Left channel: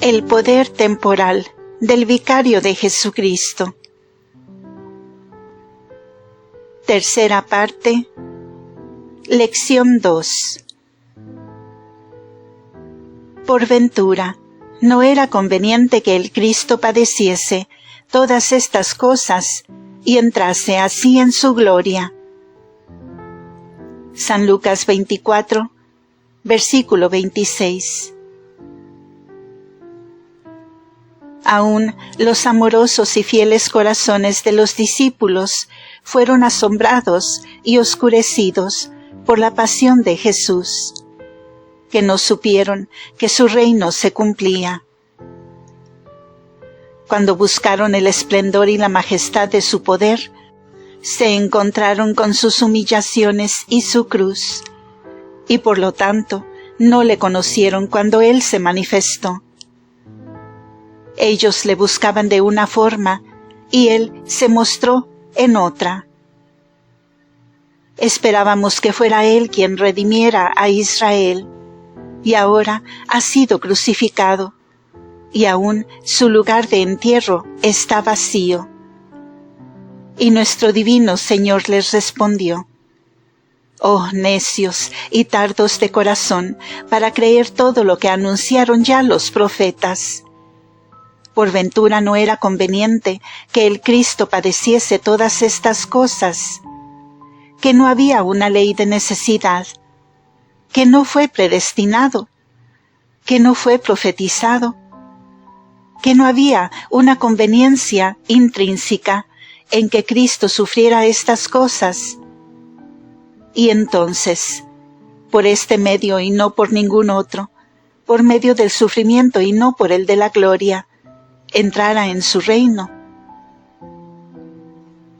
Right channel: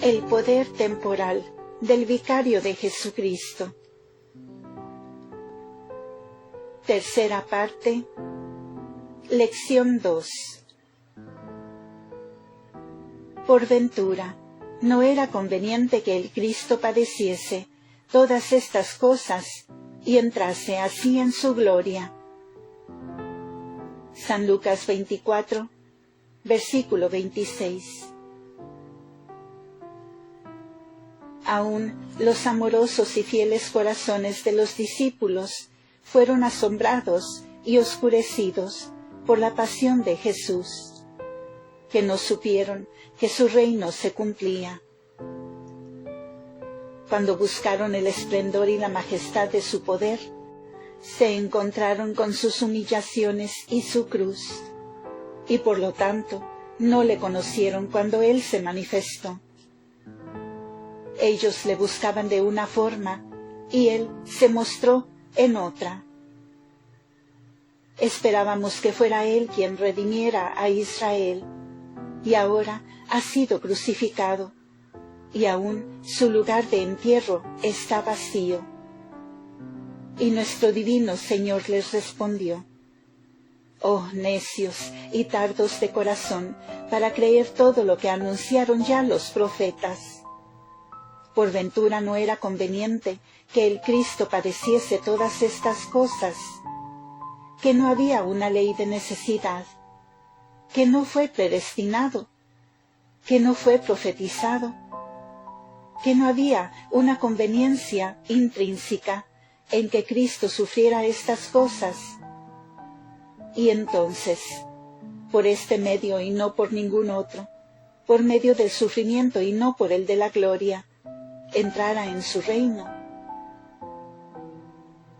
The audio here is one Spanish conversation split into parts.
El poder temporal del Vicario de Jesucristo. Tercera parte. Lección 2. Por ventura, ¿no era conveniente que el Cristo padeciese todas estas cosas y entrase así en su gloria? San Lucas 24, versículo 26. Aún los amorosos y fieles corazones de los discípulos fueron asombrados y oscurecidos por la pasión de Jesús, que no supieron que su reino se cumplía. Cuando buscaron el esplendor y la majestad de su poder, se encontraron con sus humillaciones y su cruz, y por lo tanto no le conocieron cuando Él se manifestó. Ellos le buscaban de una forma, y Él se mostró en otra. Esperábamos que fuera Él quien redimiera a Israel, y ahora ha sido crucificado, y aún su lugar de entierro está vacío. Y nuestro divino Señor les respondió: «Oh necios y tardos de corazón, para creer todo lo que anunciaron ya los profetas. ¿Por ventura no era conveniente que el Cristo padeciese todas estas cosas? ¿Que no había una ley de necesidad? ¿Que no fue predestinado? ¿Que no fue profetizado? ¿Que no había una conveniencia intrínseca en que Cristo sufriera estas cosas? Y entonces, por este medio y no por ningún otro, por medio del sufrimiento y no por el de la gloria, entrara en su reino».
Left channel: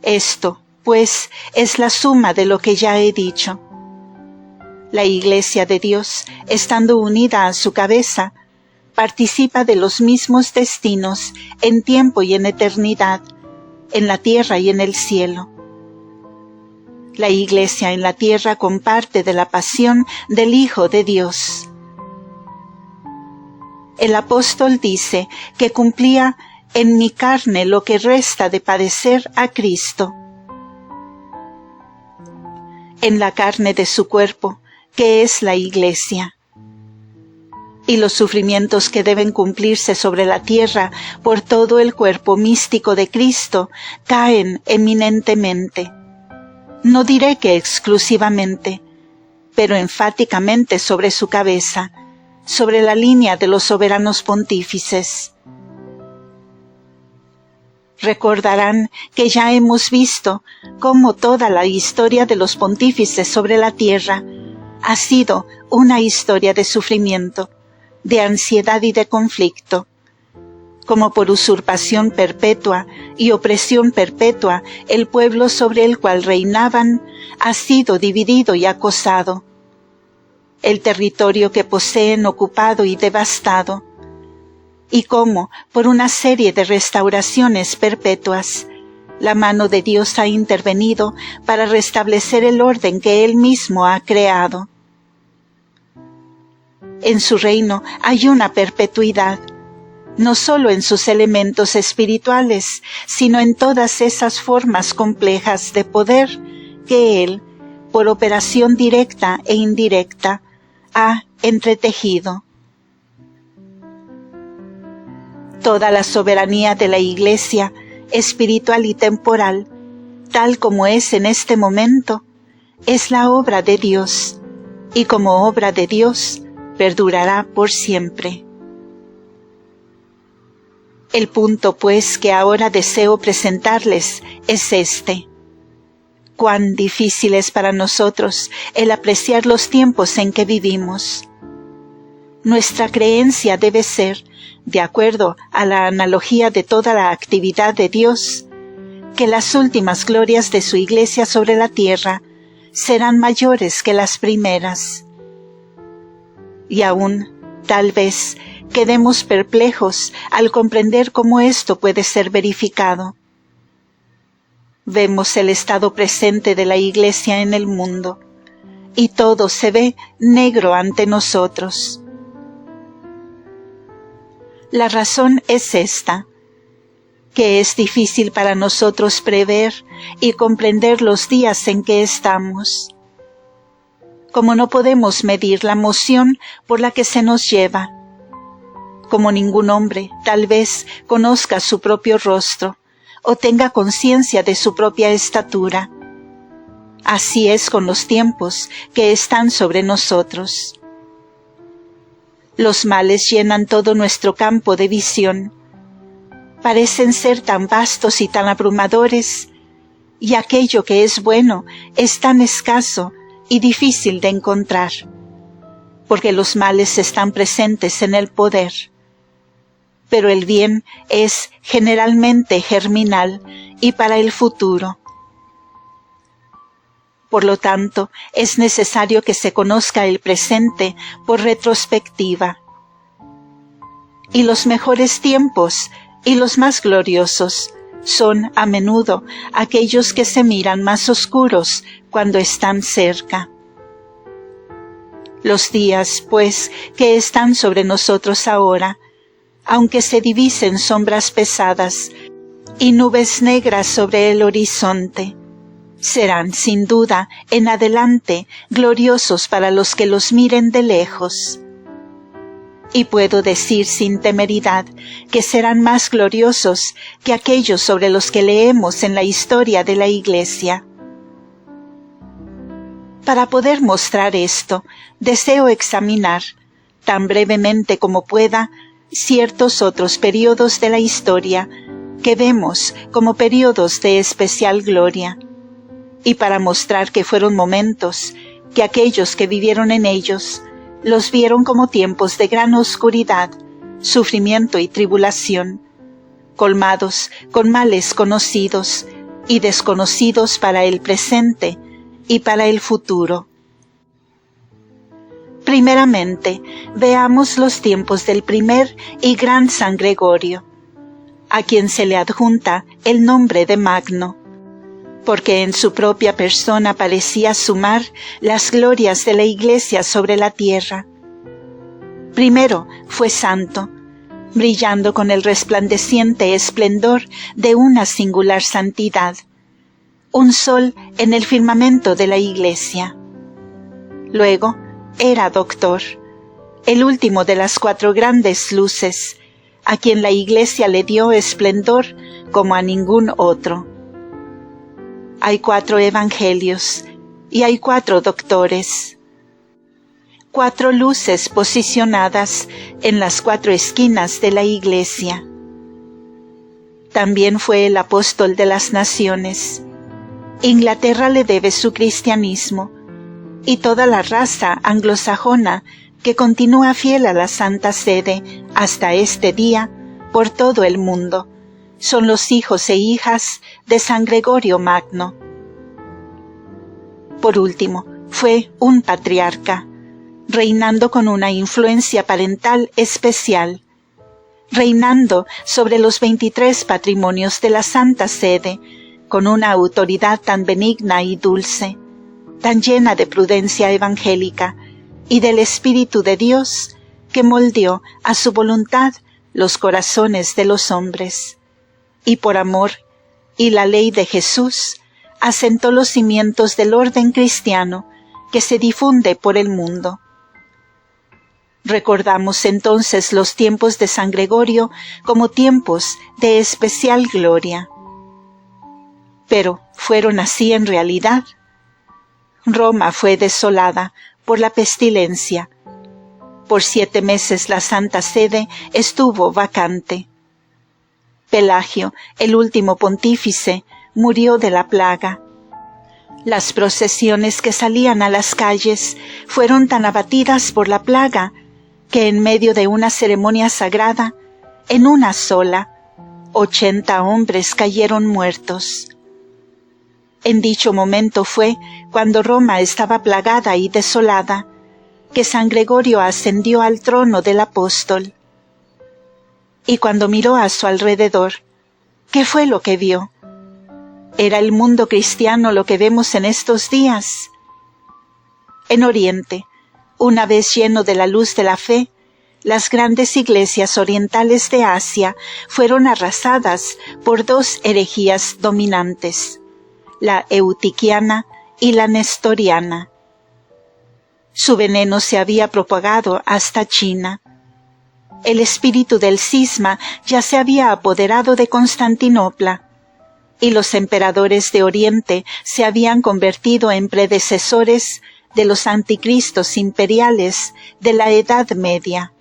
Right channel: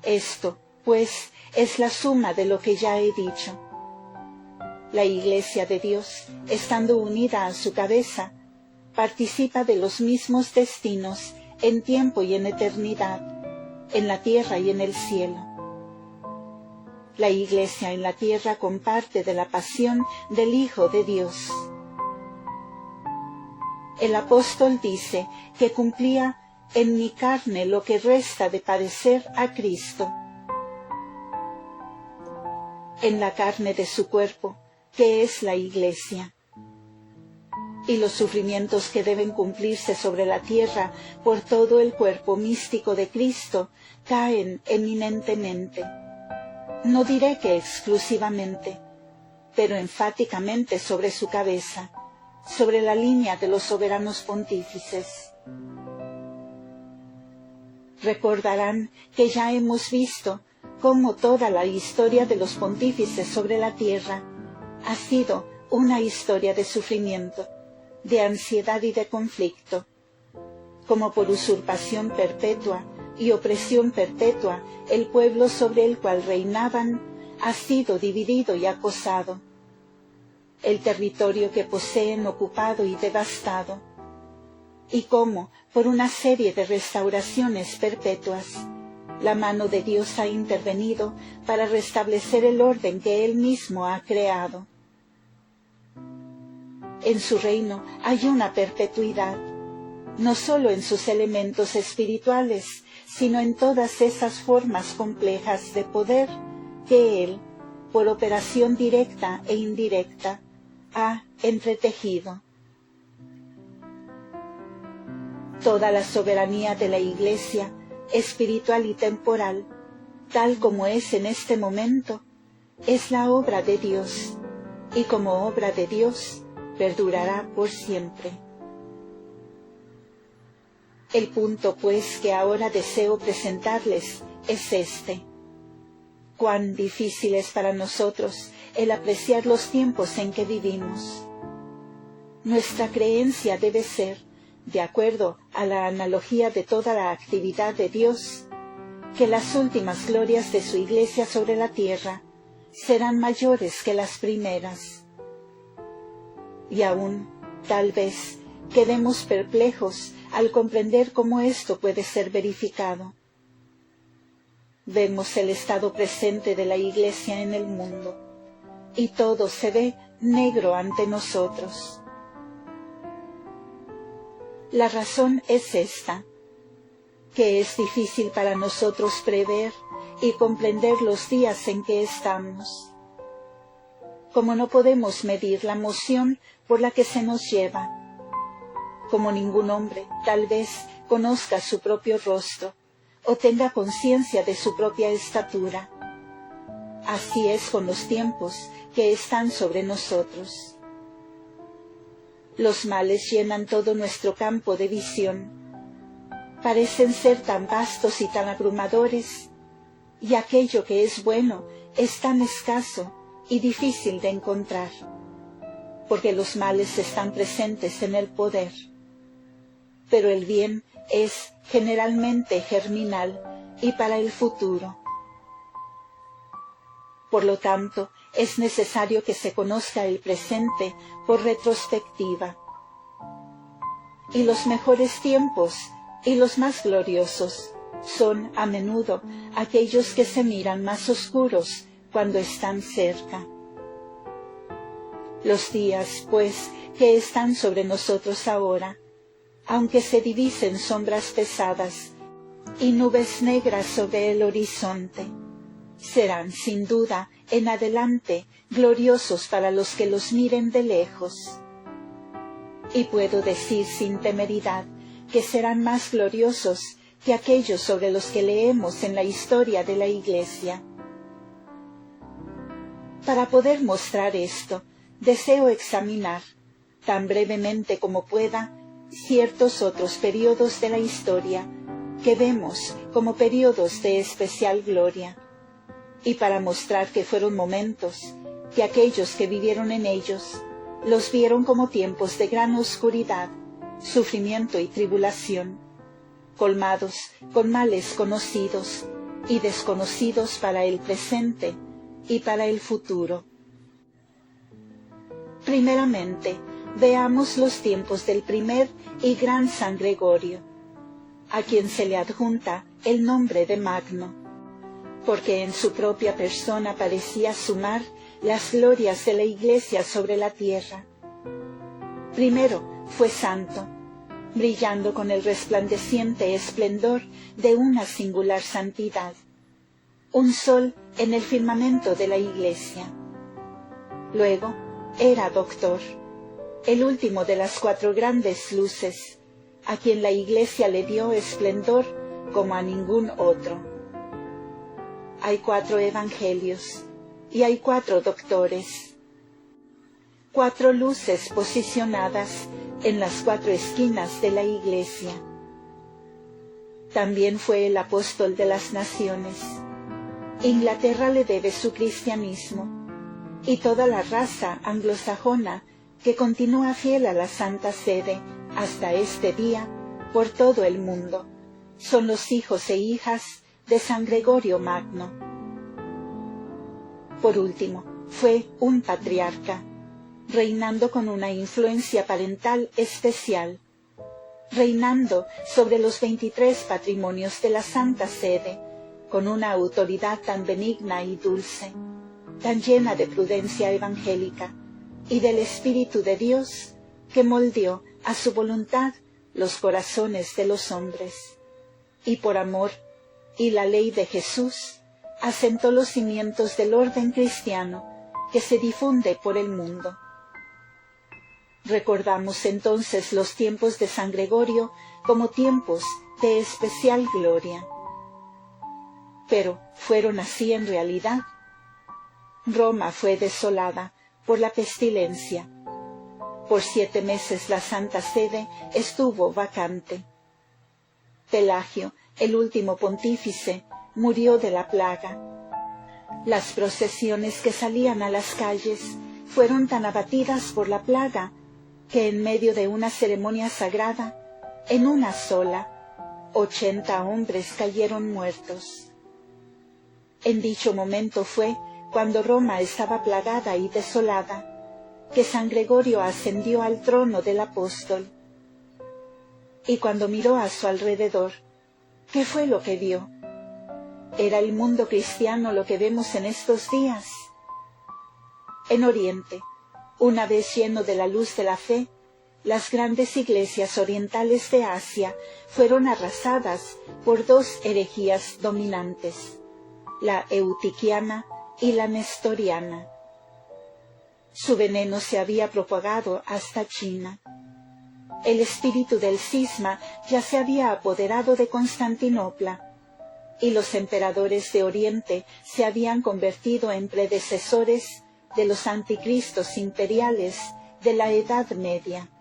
Esto, pues, es la suma de lo que ya he dicho. La Iglesia de Dios, estando unida a su cabeza, participa de los mismos destinos en tiempo y en eternidad, en la tierra y en el cielo. La Iglesia en la tierra comparte de la pasión del Hijo de Dios. El apóstol dice que cumplía en mi carne lo que resta de padecer a Cristo. En la carne de su cuerpo, que es la Iglesia. Y los sufrimientos que deben cumplirse sobre la tierra por todo el cuerpo místico de Cristo caen eminentemente. No diré que exclusivamente, pero enfáticamente sobre su cabeza, sobre la línea de los soberanos pontífices. Recordarán que ya hemos visto cómo toda la historia de los pontífices sobre la tierra ha sido una historia de sufrimiento, de ansiedad y de conflicto. Como por usurpación perpetua y opresión perpetua, el pueblo sobre el cual reinaban ha sido dividido y acosado. El territorio que poseen ocupado y devastado, y cómo, por una serie de restauraciones perpetuas, la mano de Dios ha intervenido para restablecer el orden que Él mismo ha creado. En su reino hay una perpetuidad, no solo en sus elementos espirituales, sino en todas esas formas complejas de poder que Él, por operación directa e indirecta, ha entretejido. Toda la soberanía de la Iglesia, espiritual y temporal, tal como es en este momento, es la obra de Dios, y como obra de Dios, perdurará por siempre. El punto, pues, que ahora deseo presentarles es este: cuán difícil es para nosotros el apreciar los tiempos en que vivimos. Nuestra creencia debe ser, de acuerdo a la analogía de toda la actividad de Dios, que las últimas glorias de su Iglesia sobre la tierra serán mayores que las primeras. Y aún, tal vez, quedemos perplejos al comprender cómo esto puede ser verificado. Vemos el estado presente de la Iglesia en el mundo, y todo se ve negro ante nosotros. La razón es esta, que es difícil para nosotros prever y comprender los días en que estamos. Como no podemos medir la emoción por la que se nos lleva, como ningún hombre tal vez conozca su propio rostro o tenga conciencia de su propia estatura, así es con los tiempos que están sobre nosotros. Los males llenan todo nuestro campo de visión. Parecen ser tan vastos y tan abrumadores, y aquello que es bueno es tan escaso y difícil de encontrar, porque los males están presentes en el poder. Pero el bien es generalmente germinal y para el futuro. Por lo tanto, es necesario que se conozca el presente por retrospectiva. Y los mejores tiempos y los más gloriosos son a menudo aquellos que se miran más oscuros cuando están cerca. Los días, pues, que están sobre nosotros ahora, aunque se divisen sombras pesadas y nubes negras sobre el horizonte, serán sin duda en adelante gloriosos para los que los miren de lejos. Y puedo decir sin temeridad que serán más gloriosos que aquellos sobre los que leemos en la historia de la Iglesia. Para poder mostrar esto, deseo examinar, tan brevemente como pueda, ciertos otros períodos de la historia que vemos como períodos de especial gloria, y para mostrar que fueron momentos que aquellos que vivieron en ellos los vieron como tiempos de gran oscuridad, sufrimiento y tribulación, colmados con males conocidos y desconocidos para el presente y para el futuro. Primeramente, veamos los tiempos del primer y gran San Gregorio, a quien se le adjunta el nombre de Magno, porque en su propia persona parecía sumar las glorias de la Iglesia sobre la tierra. Primero fue santo, brillando con el resplandeciente esplendor de una singular santidad, un sol en el firmamento de la Iglesia. Luego era doctor, el último de las 4 grandes luces, a quien la Iglesia le dio esplendor como a ningún otro. Hay 4 evangelios y hay 4 doctores. 4 luces posicionadas en las 4 esquinas de la Iglesia. También fue el apóstol de las naciones. Inglaterra le debe su cristianismo, y toda la raza anglosajona que continúa fiel a la Santa Sede hasta este día por todo el mundo, son los hijos e hijas de San Gregorio Magno. Por último, fue un patriarca, reinando con una influencia parental especial, reinando sobre los 23 patrimonios de la Santa Sede, con una autoridad tan benigna y dulce, tan llena de prudencia evangélica y del Espíritu de Dios, que moldeó a su voluntad los corazones de los hombres, y por amor y la ley de Jesús, asentó los cimientos del orden cristiano que se difunde por el mundo. Recordamos entonces los tiempos de San Gregorio como tiempos de especial gloria. Pero, ¿fueron así en realidad? Roma fue desolada por la pestilencia. Por 7 meses la Santa Sede estuvo vacante. Pelagio, el último pontífice, murió de la plaga. Las procesiones que salían a las calles fueron tan abatidas por la plaga que en medio de una ceremonia sagrada, en una sola, 80 hombres cayeron muertos. En dicho momento fue, cuando Roma estaba plagada y desolada, que San Gregorio ascendió al trono del apóstol. Y cuando miró a su alrededor, ¿qué fue lo que vio? ¿Era el mundo cristiano lo que vemos en estos días? En Oriente, una vez lleno de la luz de la fe, las grandes iglesias orientales de Asia fueron arrasadas por dos herejías dominantes, la eutiquiana y la nestoriana. Su veneno se había propagado hasta China. El espíritu del cisma ya se había apoderado de Constantinopla, y los emperadores de Oriente se habían convertido en predecesores de los anticristos imperiales de la Edad Media.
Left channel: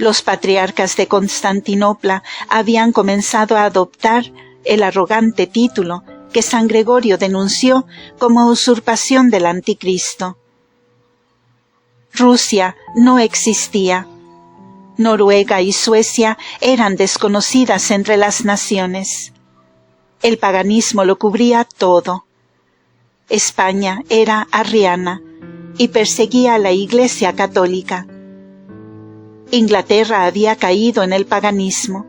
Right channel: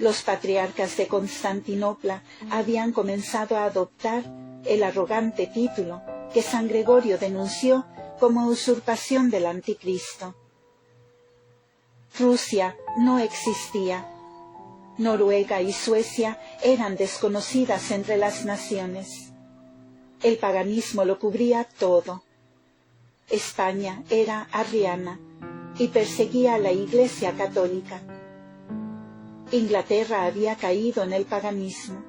Los patriarcas de Constantinopla habían comenzado a adoptar el arrogante título que San Gregorio denunció como usurpación del anticristo. Rusia no existía. Noruega y Suecia eran desconocidas entre las naciones. El paganismo lo cubría todo. España era arriana y perseguía a la Iglesia católica. Inglaterra había caído en el paganismo.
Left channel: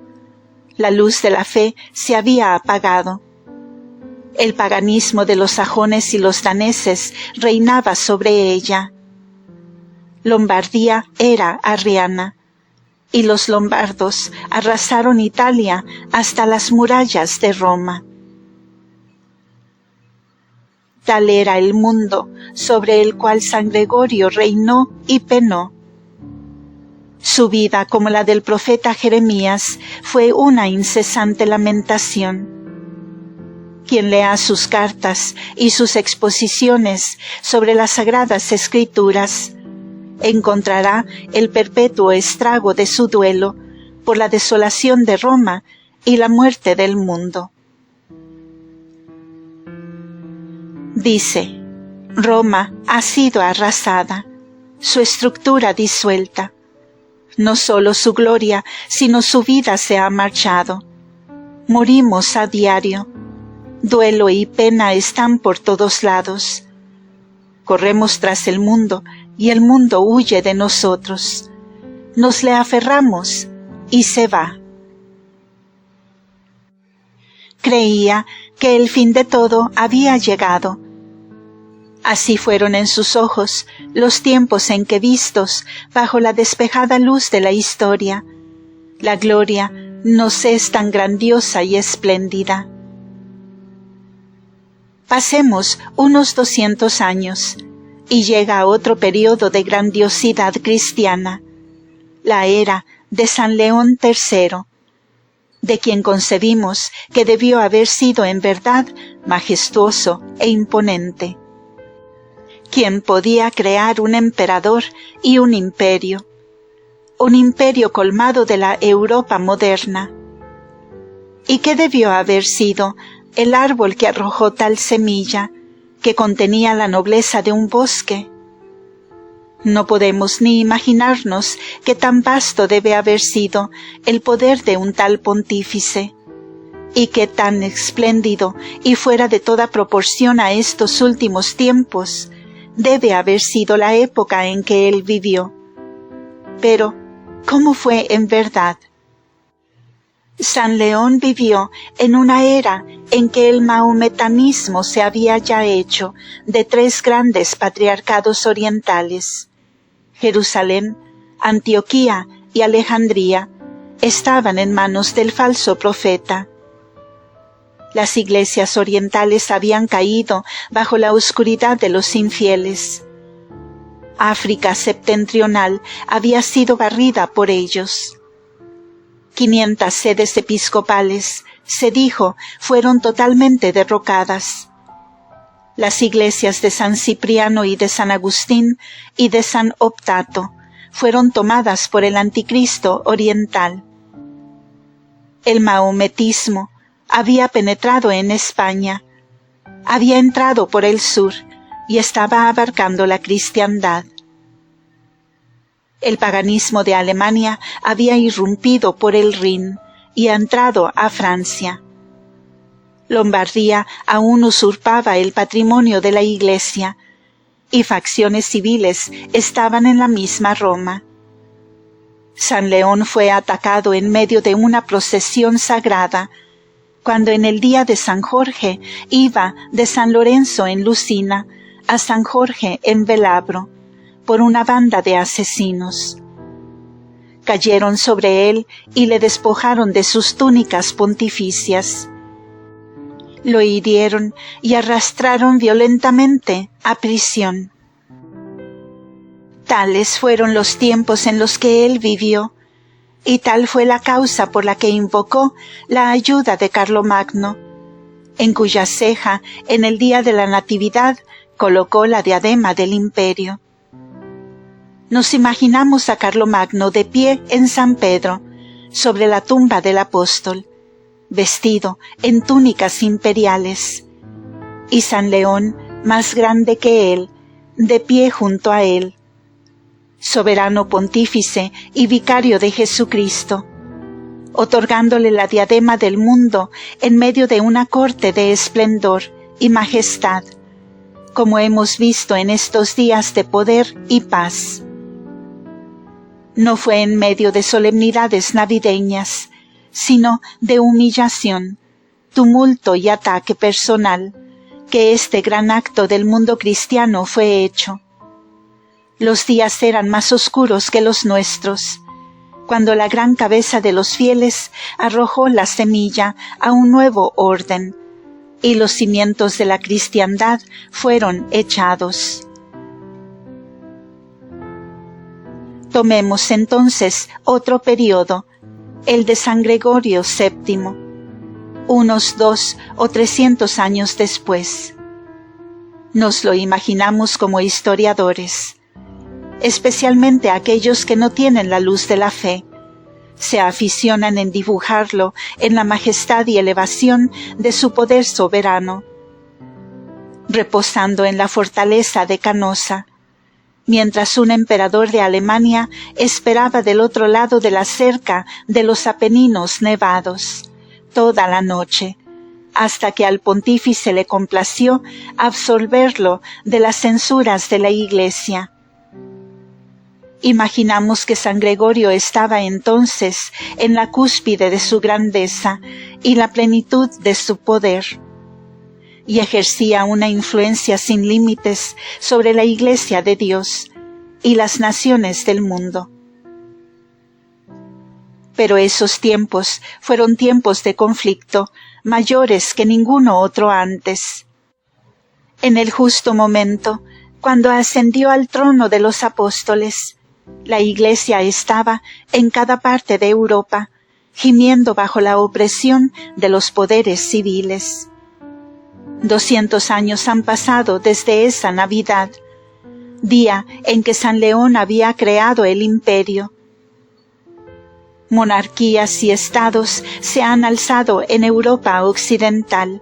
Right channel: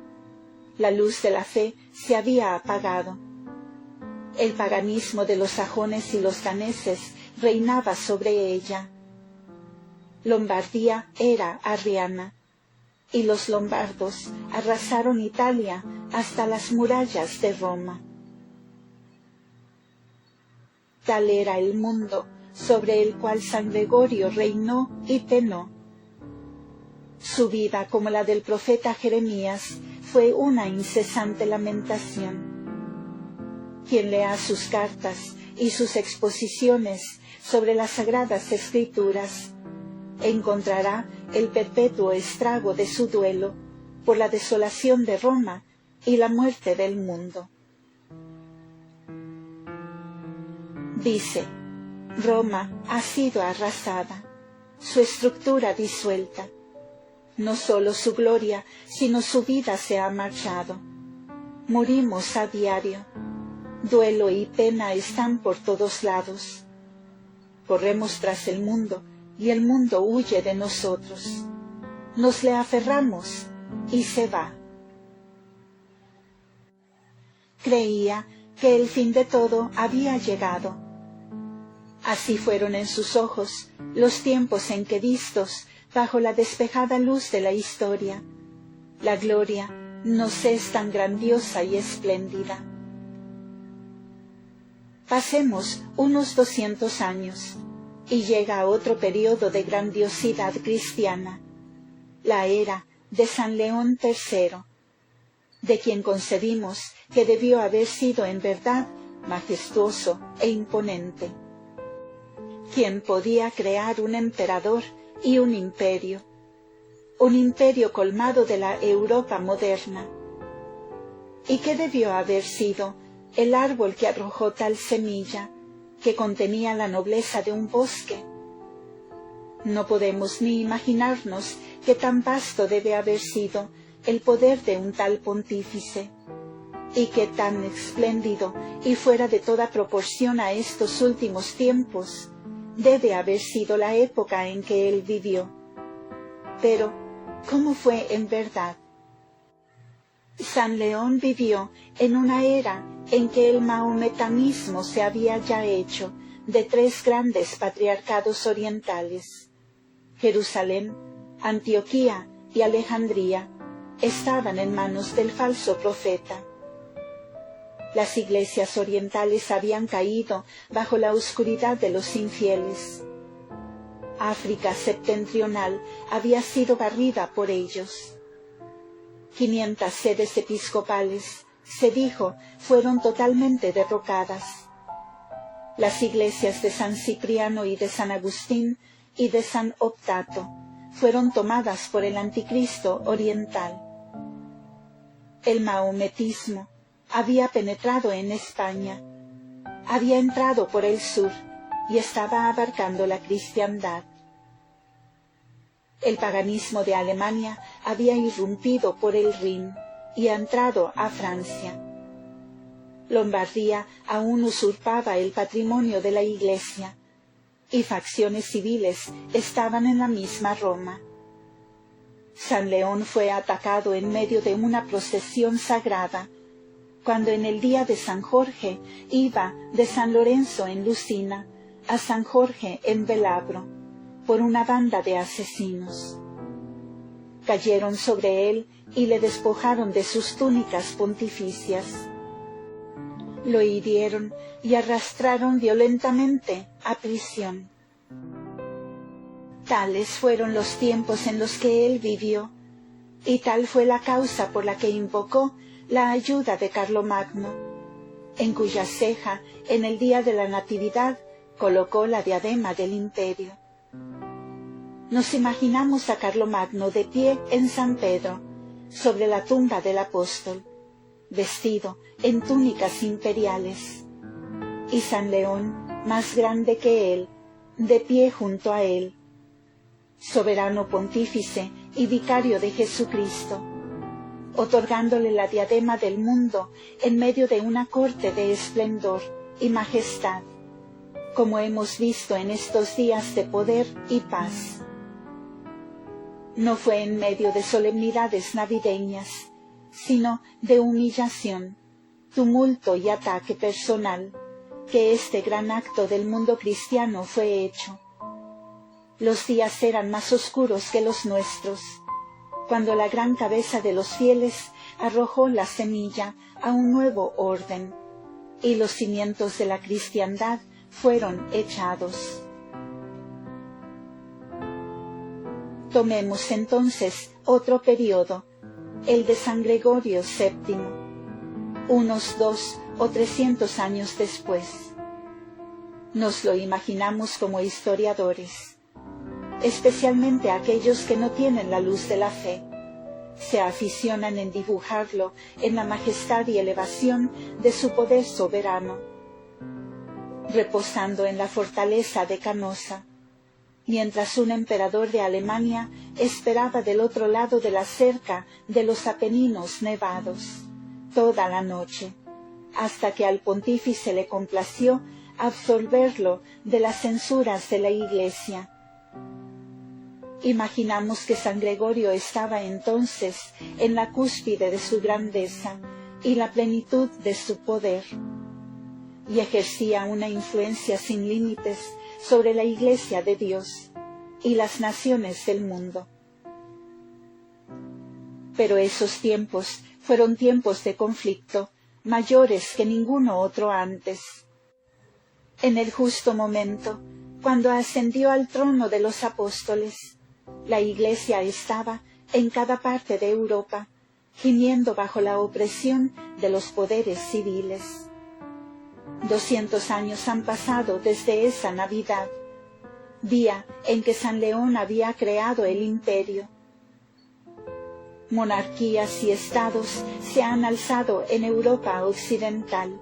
La luz de la fe se había apagado. El paganismo de los sajones y los daneses reinaba sobre ella. Lombardía era arriana, y los lombardos arrasaron Italia hasta las murallas de Roma. Tal era el mundo sobre el cual San Gregorio reinó y penó. Su vida, como la del profeta Jeremías, fue una incesante lamentación. Quien lea sus cartas y sus exposiciones sobre las Sagradas Escrituras, encontrará el perpetuo estrago de su duelo por la desolación de Roma y la muerte del mundo. Dice, Roma ha sido arrasada, su estructura disuelta. No solo su gloria, sino su vida se ha marchado. Morimos a diario. Duelo y pena están por todos lados. Corremos tras el mundo y el mundo huye de nosotros. Nos le aferramos y se va. Creía que el fin de todo había llegado. Así fueron en sus ojos los tiempos en que, vistos bajo la despejada luz de la historia, la gloria nos es tan grandiosa y espléndida. Pasemos unos 200 años y llega otro periodo de grandiosidad cristiana, la era de San León III, de quien concebimos que debió haber sido en verdad majestuoso e imponente. ¿Quién podía crear un emperador y un imperio colmado de la Europa moderna? ¿Y qué debió haber sido el árbol que arrojó tal semilla, que contenía la nobleza de un bosque? No podemos ni imaginarnos qué tan vasto debe haber sido el poder de un tal pontífice, y qué tan espléndido y fuera de toda proporción a estos últimos tiempos debe haber sido la época en que él vivió. Pero, ¿cómo fue en verdad? San León vivió en una era en que el mahometanismo se había ya hecho de 3 grandes patriarcados orientales. Jerusalén, Antioquía y Alejandría estaban en manos del falso profeta. Las iglesias orientales habían caído bajo la oscuridad de los infieles. África septentrional había sido barrida por ellos. 500 sedes episcopales, se dijo, fueron totalmente derrocadas. Las iglesias de San Cipriano y de San Agustín y de San Optato fueron tomadas por el anticristo oriental. El mahometismo había penetrado en España, había entrado por el sur y estaba abarcando la cristiandad. El paganismo de Alemania había irrumpido por el Rin y entrado a Francia. Lombardía aún usurpaba el patrimonio de la Iglesia, y facciones civiles estaban en la misma Roma. San León fue atacado en medio de una procesión sagrada, cuando en el día de San Jorge iba de San Lorenzo en Lucina a San Jorge en Velabro, por una banda de asesinos. Cayeron sobre él y le despojaron de sus túnicas pontificias. Lo hirieron y arrastraron violentamente a prisión. Tales fueron los tiempos en los que él vivió, y tal fue la causa por la que invocó la ayuda de Carlomagno, en cuya ceja, en el día de la Natividad, colocó la diadema del imperio. Nos imaginamos a Carlomagno de pie en San Pedro, sobre la tumba del apóstol, vestido en túnicas imperiales, y San León, más grande que él, de pie junto a él, soberano pontífice y vicario de Jesucristo, otorgándole la diadema del mundo en medio de una corte de esplendor y majestad, como hemos visto en estos días de poder y paz. No fue en medio de solemnidades navideñas, sino de humillación, tumulto y ataque personal, que este gran acto del mundo cristiano fue hecho. Los días eran más oscuros que los nuestros, cuando la gran cabeza de los fieles arrojó la semilla a un nuevo orden, y los cimientos de la cristiandad fueron echados. Tomemos entonces otro periodo, el de San Gregorio VII, unos 200 o 300 años después. Nos lo imaginamos como historiadores, especialmente aquellos que no tienen la luz de la fe. Se aficionan en dibujarlo en la majestad y elevación de su poder soberano, reposando en la fortaleza de Canosa, mientras un emperador de Alemania esperaba del otro lado de la cerca de los Apeninos nevados, toda la noche, hasta que al pontífice le complació absolverlo de las censuras de la Iglesia. Imaginamos que San Gregorio estaba entonces en la cúspide de su grandeza y la plenitud de su poder, y ejercía una influencia sin límites sobre la Iglesia de Dios y las naciones del mundo. Pero esos tiempos fueron tiempos de conflicto mayores que ninguno otro antes. En el justo momento, cuando ascendió al trono de los apóstoles, la Iglesia estaba en cada parte de Europa, gimiendo bajo la opresión de los poderes civiles. 200 años han pasado desde esa Navidad, día en que San León había creado el imperio. Monarquías y estados se han alzado en Europa occidental.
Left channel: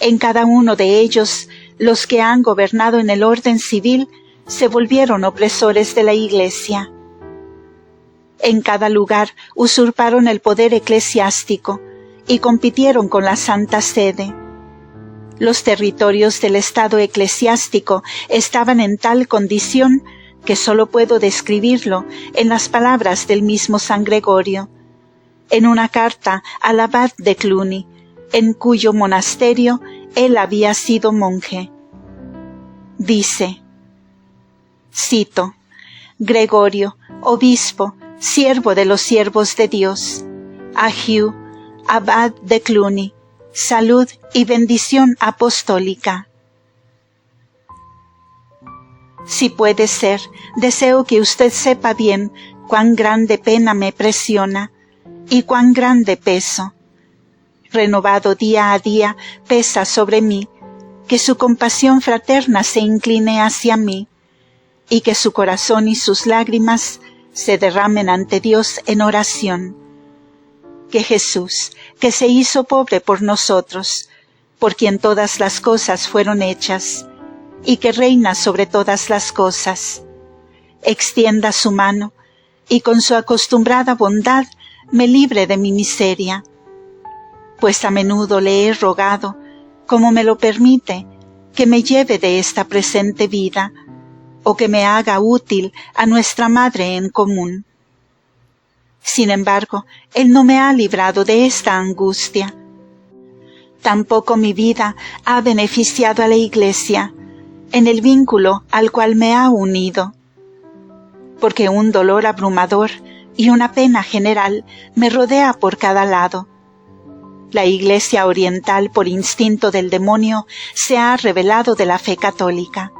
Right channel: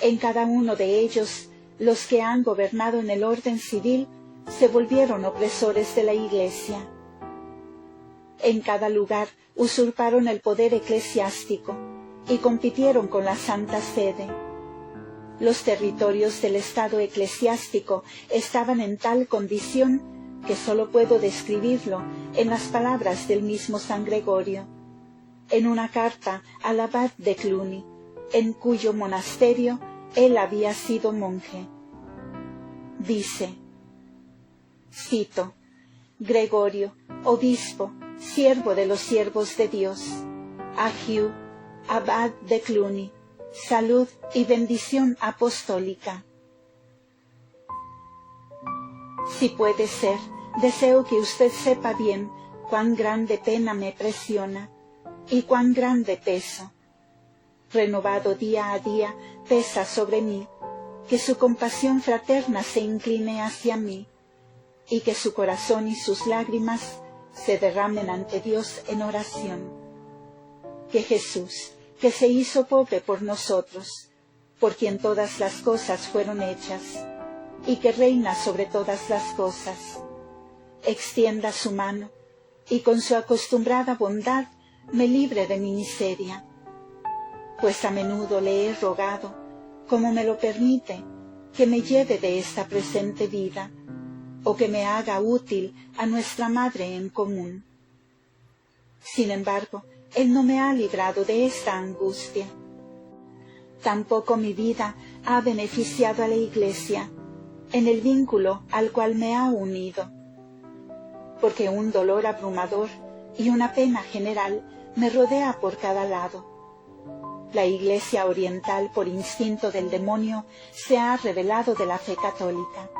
En cada uno de ellos, los que han gobernado en el orden civil se volvieron opresores de la Iglesia. En cada lugar usurparon el poder eclesiástico y compitieron con la Santa Sede. Los territorios del Estado eclesiástico estaban en tal condición que solo puedo describirlo en las palabras del mismo San Gregorio, en una carta al abad de Cluny, en cuyo monasterio él había sido monje. Dice, cito, Gregorio, obispo, siervo de los siervos de Dios, a Hugh, abad de Cluny, salud y bendición apostólica. Si puede ser, deseo que usted sepa bien cuán grande pena me presiona y cuán grande peso, renovado día a día, pesa sobre mí, que su compasión fraterna se incline hacia mí, y que su corazón y sus lágrimas se derramen ante Dios en oración. Que Jesús, que se hizo pobre por nosotros, por quien todas las cosas fueron hechas, y que reina sobre todas las cosas, extienda su mano, y con su acostumbrada bondad me libre de mi miseria, pues a menudo le he rogado, como me lo permite, que me lleve de esta presente vida, o que me haga útil a nuestra Madre en común. Sin embargo, Él no me ha librado de esta angustia. Tampoco mi vida ha beneficiado a la Iglesia, en el vínculo al cual me ha unido, porque un dolor abrumador y una pena general me rodea por cada lado. La Iglesia oriental, por instinto del demonio, se ha revelado de la fe católica,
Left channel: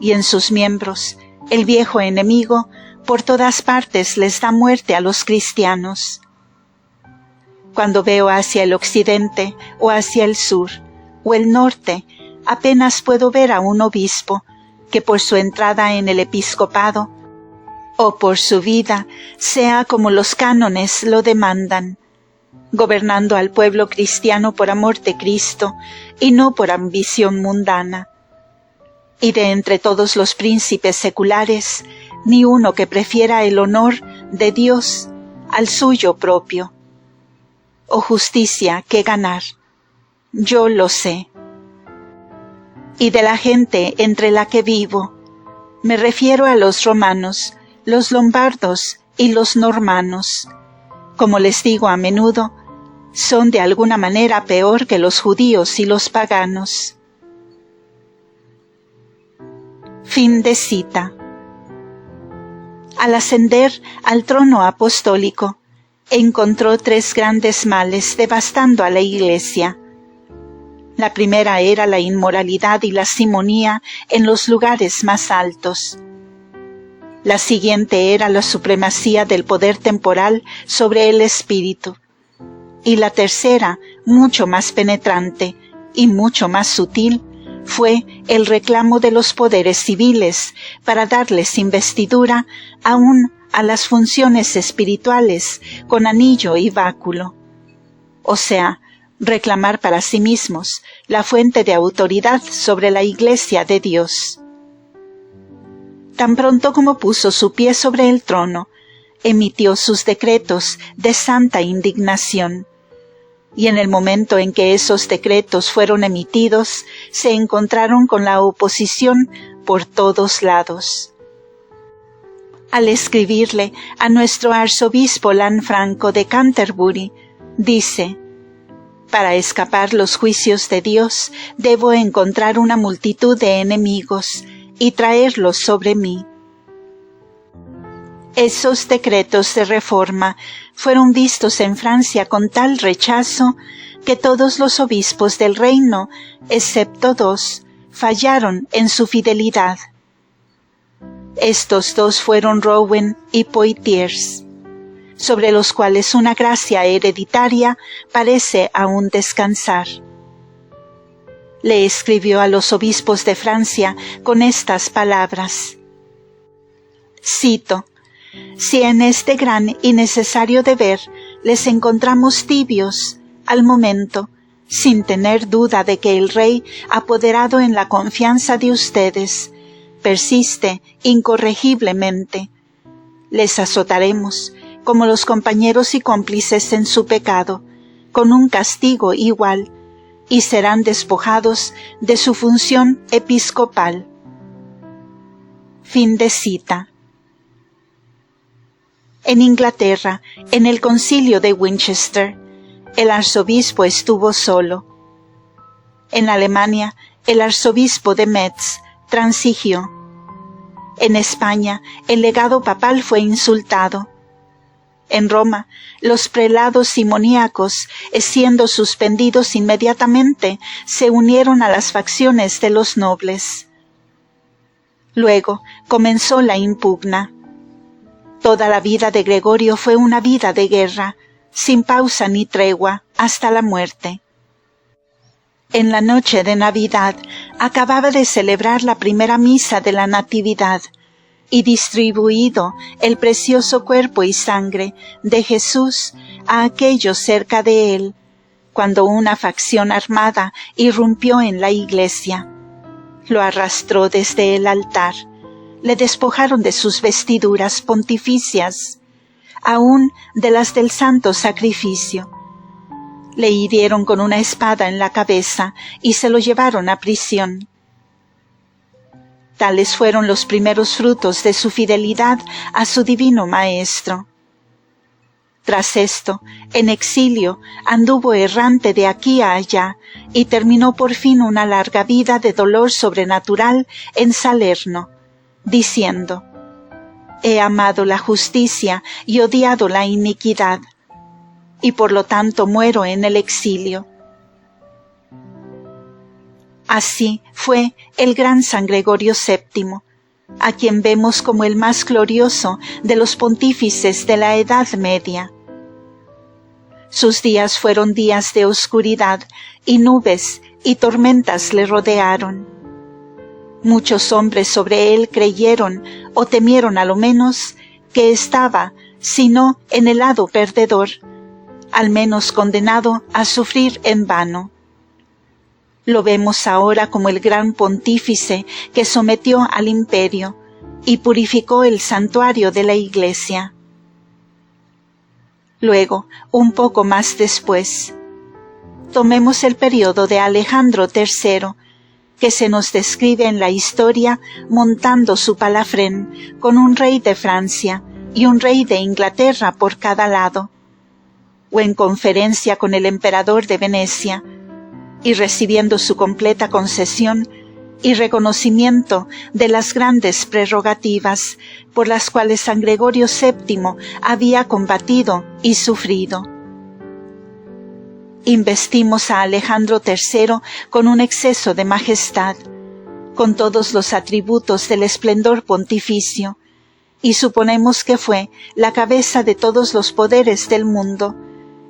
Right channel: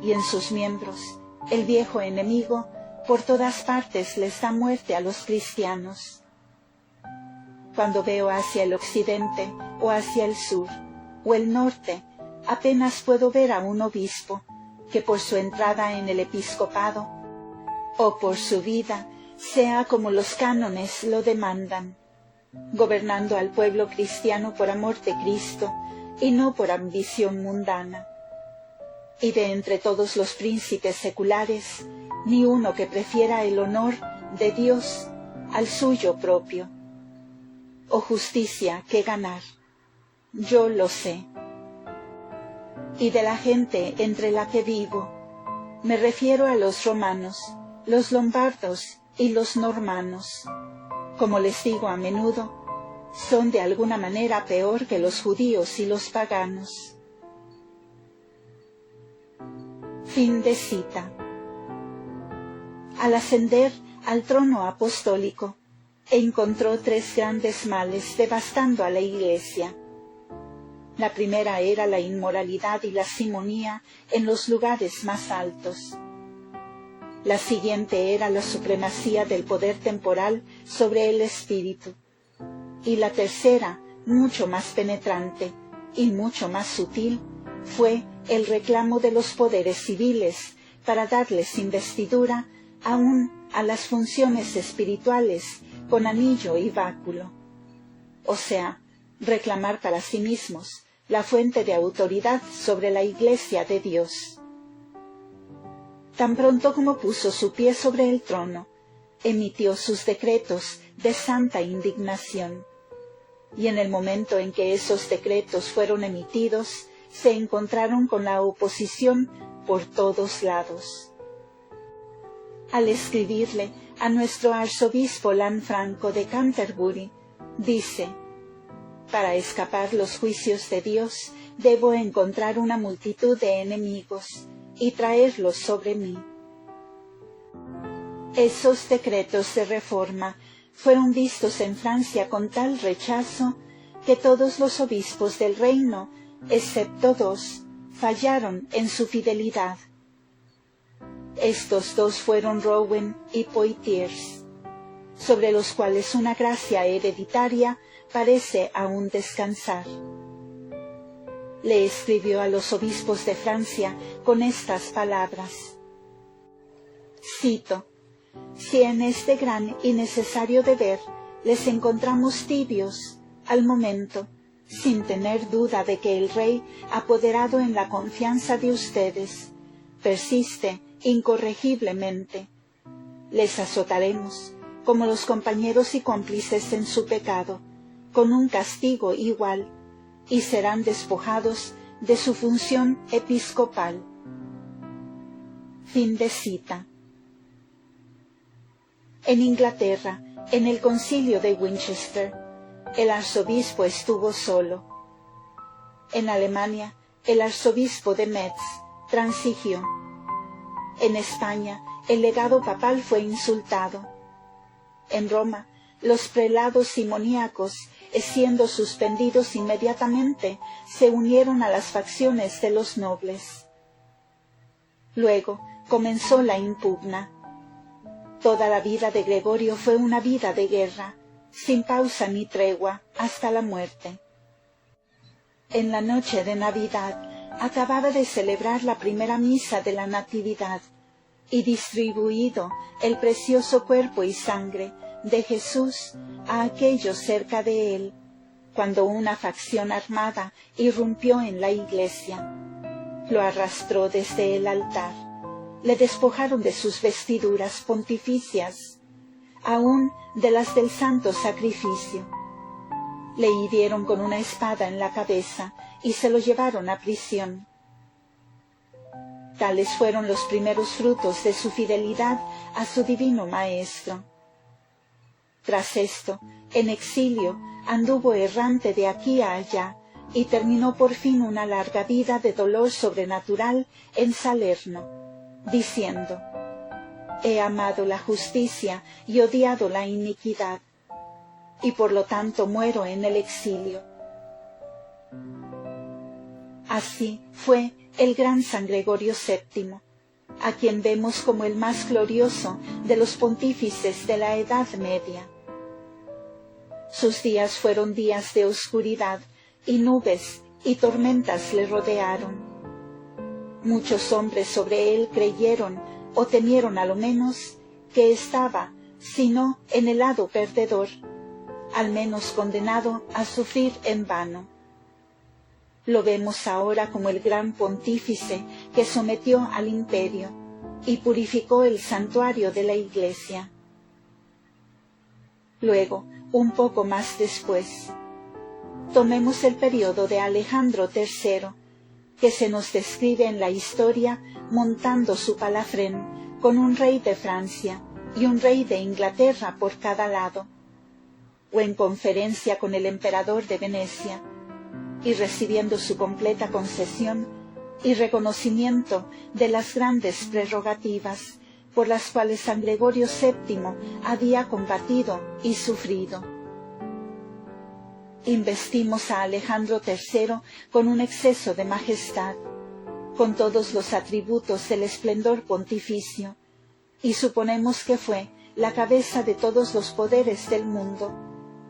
y en sus miembros, el viejo enemigo, por todas partes les da muerte a los cristianos. Cuando veo hacia el occidente o hacia el sur o el norte, apenas puedo ver a un obispo que por su entrada en el episcopado o por su vida sea como los cánones lo demandan, gobernando al pueblo cristiano por amor de Cristo y no por ambición mundana. Y de entre todos los príncipes seculares, ni uno que prefiera el honor de Dios al suyo propio, o justicia que ganar. Yo lo sé. Y de la gente entre la que vivo, me refiero a los romanos, los lombardos y los normanos. Como les digo a menudo, son de alguna manera peor que los judíos y los paganos. Fin de cita. Al ascender al trono apostólico, encontró 3 grandes males devastando a la Iglesia. La primera era la inmoralidad y la simonía en los lugares más altos. La siguiente era la supremacía del poder temporal sobre el espíritu. Y la tercera, mucho más penetrante y mucho más sutil, fue el reclamo de los poderes civiles para darles investidura aún a las funciones espirituales con anillo y báculo. O sea, reclamar para sí mismos la fuente de autoridad sobre la Iglesia de Dios. Tan pronto como puso su pie sobre el trono, emitió sus decretos de santa indignación. Y en el momento en que esos decretos fueron emitidos, se encontraron con la oposición por todos lados. Al escribirle a nuestro arzobispo Lanfranco de Canterbury, dice: «Para escapar los juicios de Dios, debo encontrar una multitud de enemigos y traerlos sobre mí». Esos decretos de reforma fueron vistos en Francia con tal rechazo que todos los obispos del reino, excepto 2, fallaron en su fidelidad. Estos 2 fueron Rowen y Poitiers, sobre los cuales una gracia hereditaria parece aún descansar. Le escribió a los obispos de Francia con estas palabras. Cito: «Si en este gran y necesario deber les encontramos tibios, al momento, sin tener duda de que el Rey, apoderado en la confianza de ustedes, persiste incorregiblemente, les azotaremos, como los compañeros y cómplices en su pecado, con un castigo igual, y serán despojados de su función episcopal». Fin de cita. En Inglaterra, en el concilio de Winchester, el arzobispo estuvo solo. En Alemania, el arzobispo de Metz transigió. En España, el legado papal fue insultado. En Roma, los prelados simoníacos, siendo suspendidos inmediatamente, se unieron a las facciones de los nobles. Luego comenzó la impugna. Toda la vida de Gregorio fue una vida de guerra, sin pausa ni tregua, hasta la muerte. En la noche de Navidad acababa de celebrar la primera misa de la Natividad y distribuido el precioso cuerpo y sangre de Jesús a aquellos cerca de él, cuando una facción armada irrumpió en la iglesia. Lo arrastró desde el altar, le despojaron de sus vestiduras pontificias, aún de las del santo sacrificio. Le hirieron con una espada en la cabeza y se lo llevaron a prisión. Tales fueron los primeros frutos de su fidelidad a su divino Maestro. Tras esto, en exilio, anduvo errante de aquí a allá, y terminó por fin una larga vida de dolor sobrenatural en Salerno, diciendo: «He amado la justicia y odiado la iniquidad, y por lo tanto muero en el exilio». Así fue el gran San Gregorio VII, a quien vemos como el más glorioso de los pontífices de la Edad Media. Sus días fueron días de oscuridad, y nubes y tormentas le rodearon. Muchos hombres sobre él creyeron, o temieron a lo menos, que estaba, si no en el lado perdedor, al menos condenado a sufrir en vano. Lo vemos ahora como el gran pontífice que sometió al imperio y purificó el santuario de la Iglesia. Luego, un poco más después, tomemos el periodo de Alejandro III, que se nos describe en la historia montando su palafrén con un rey de Francia y un rey de Inglaterra por cada lado, o en conferencia con el emperador de Venecia, y recibiendo su completa concesión y reconocimiento de las grandes prerrogativas por las cuales San Gregorio VII había combatido y sufrido. Investimos a Alejandro III con un exceso de majestad, con todos los atributos del esplendor pontificio, y suponemos que fue la cabeza de todos los poderes del mundo,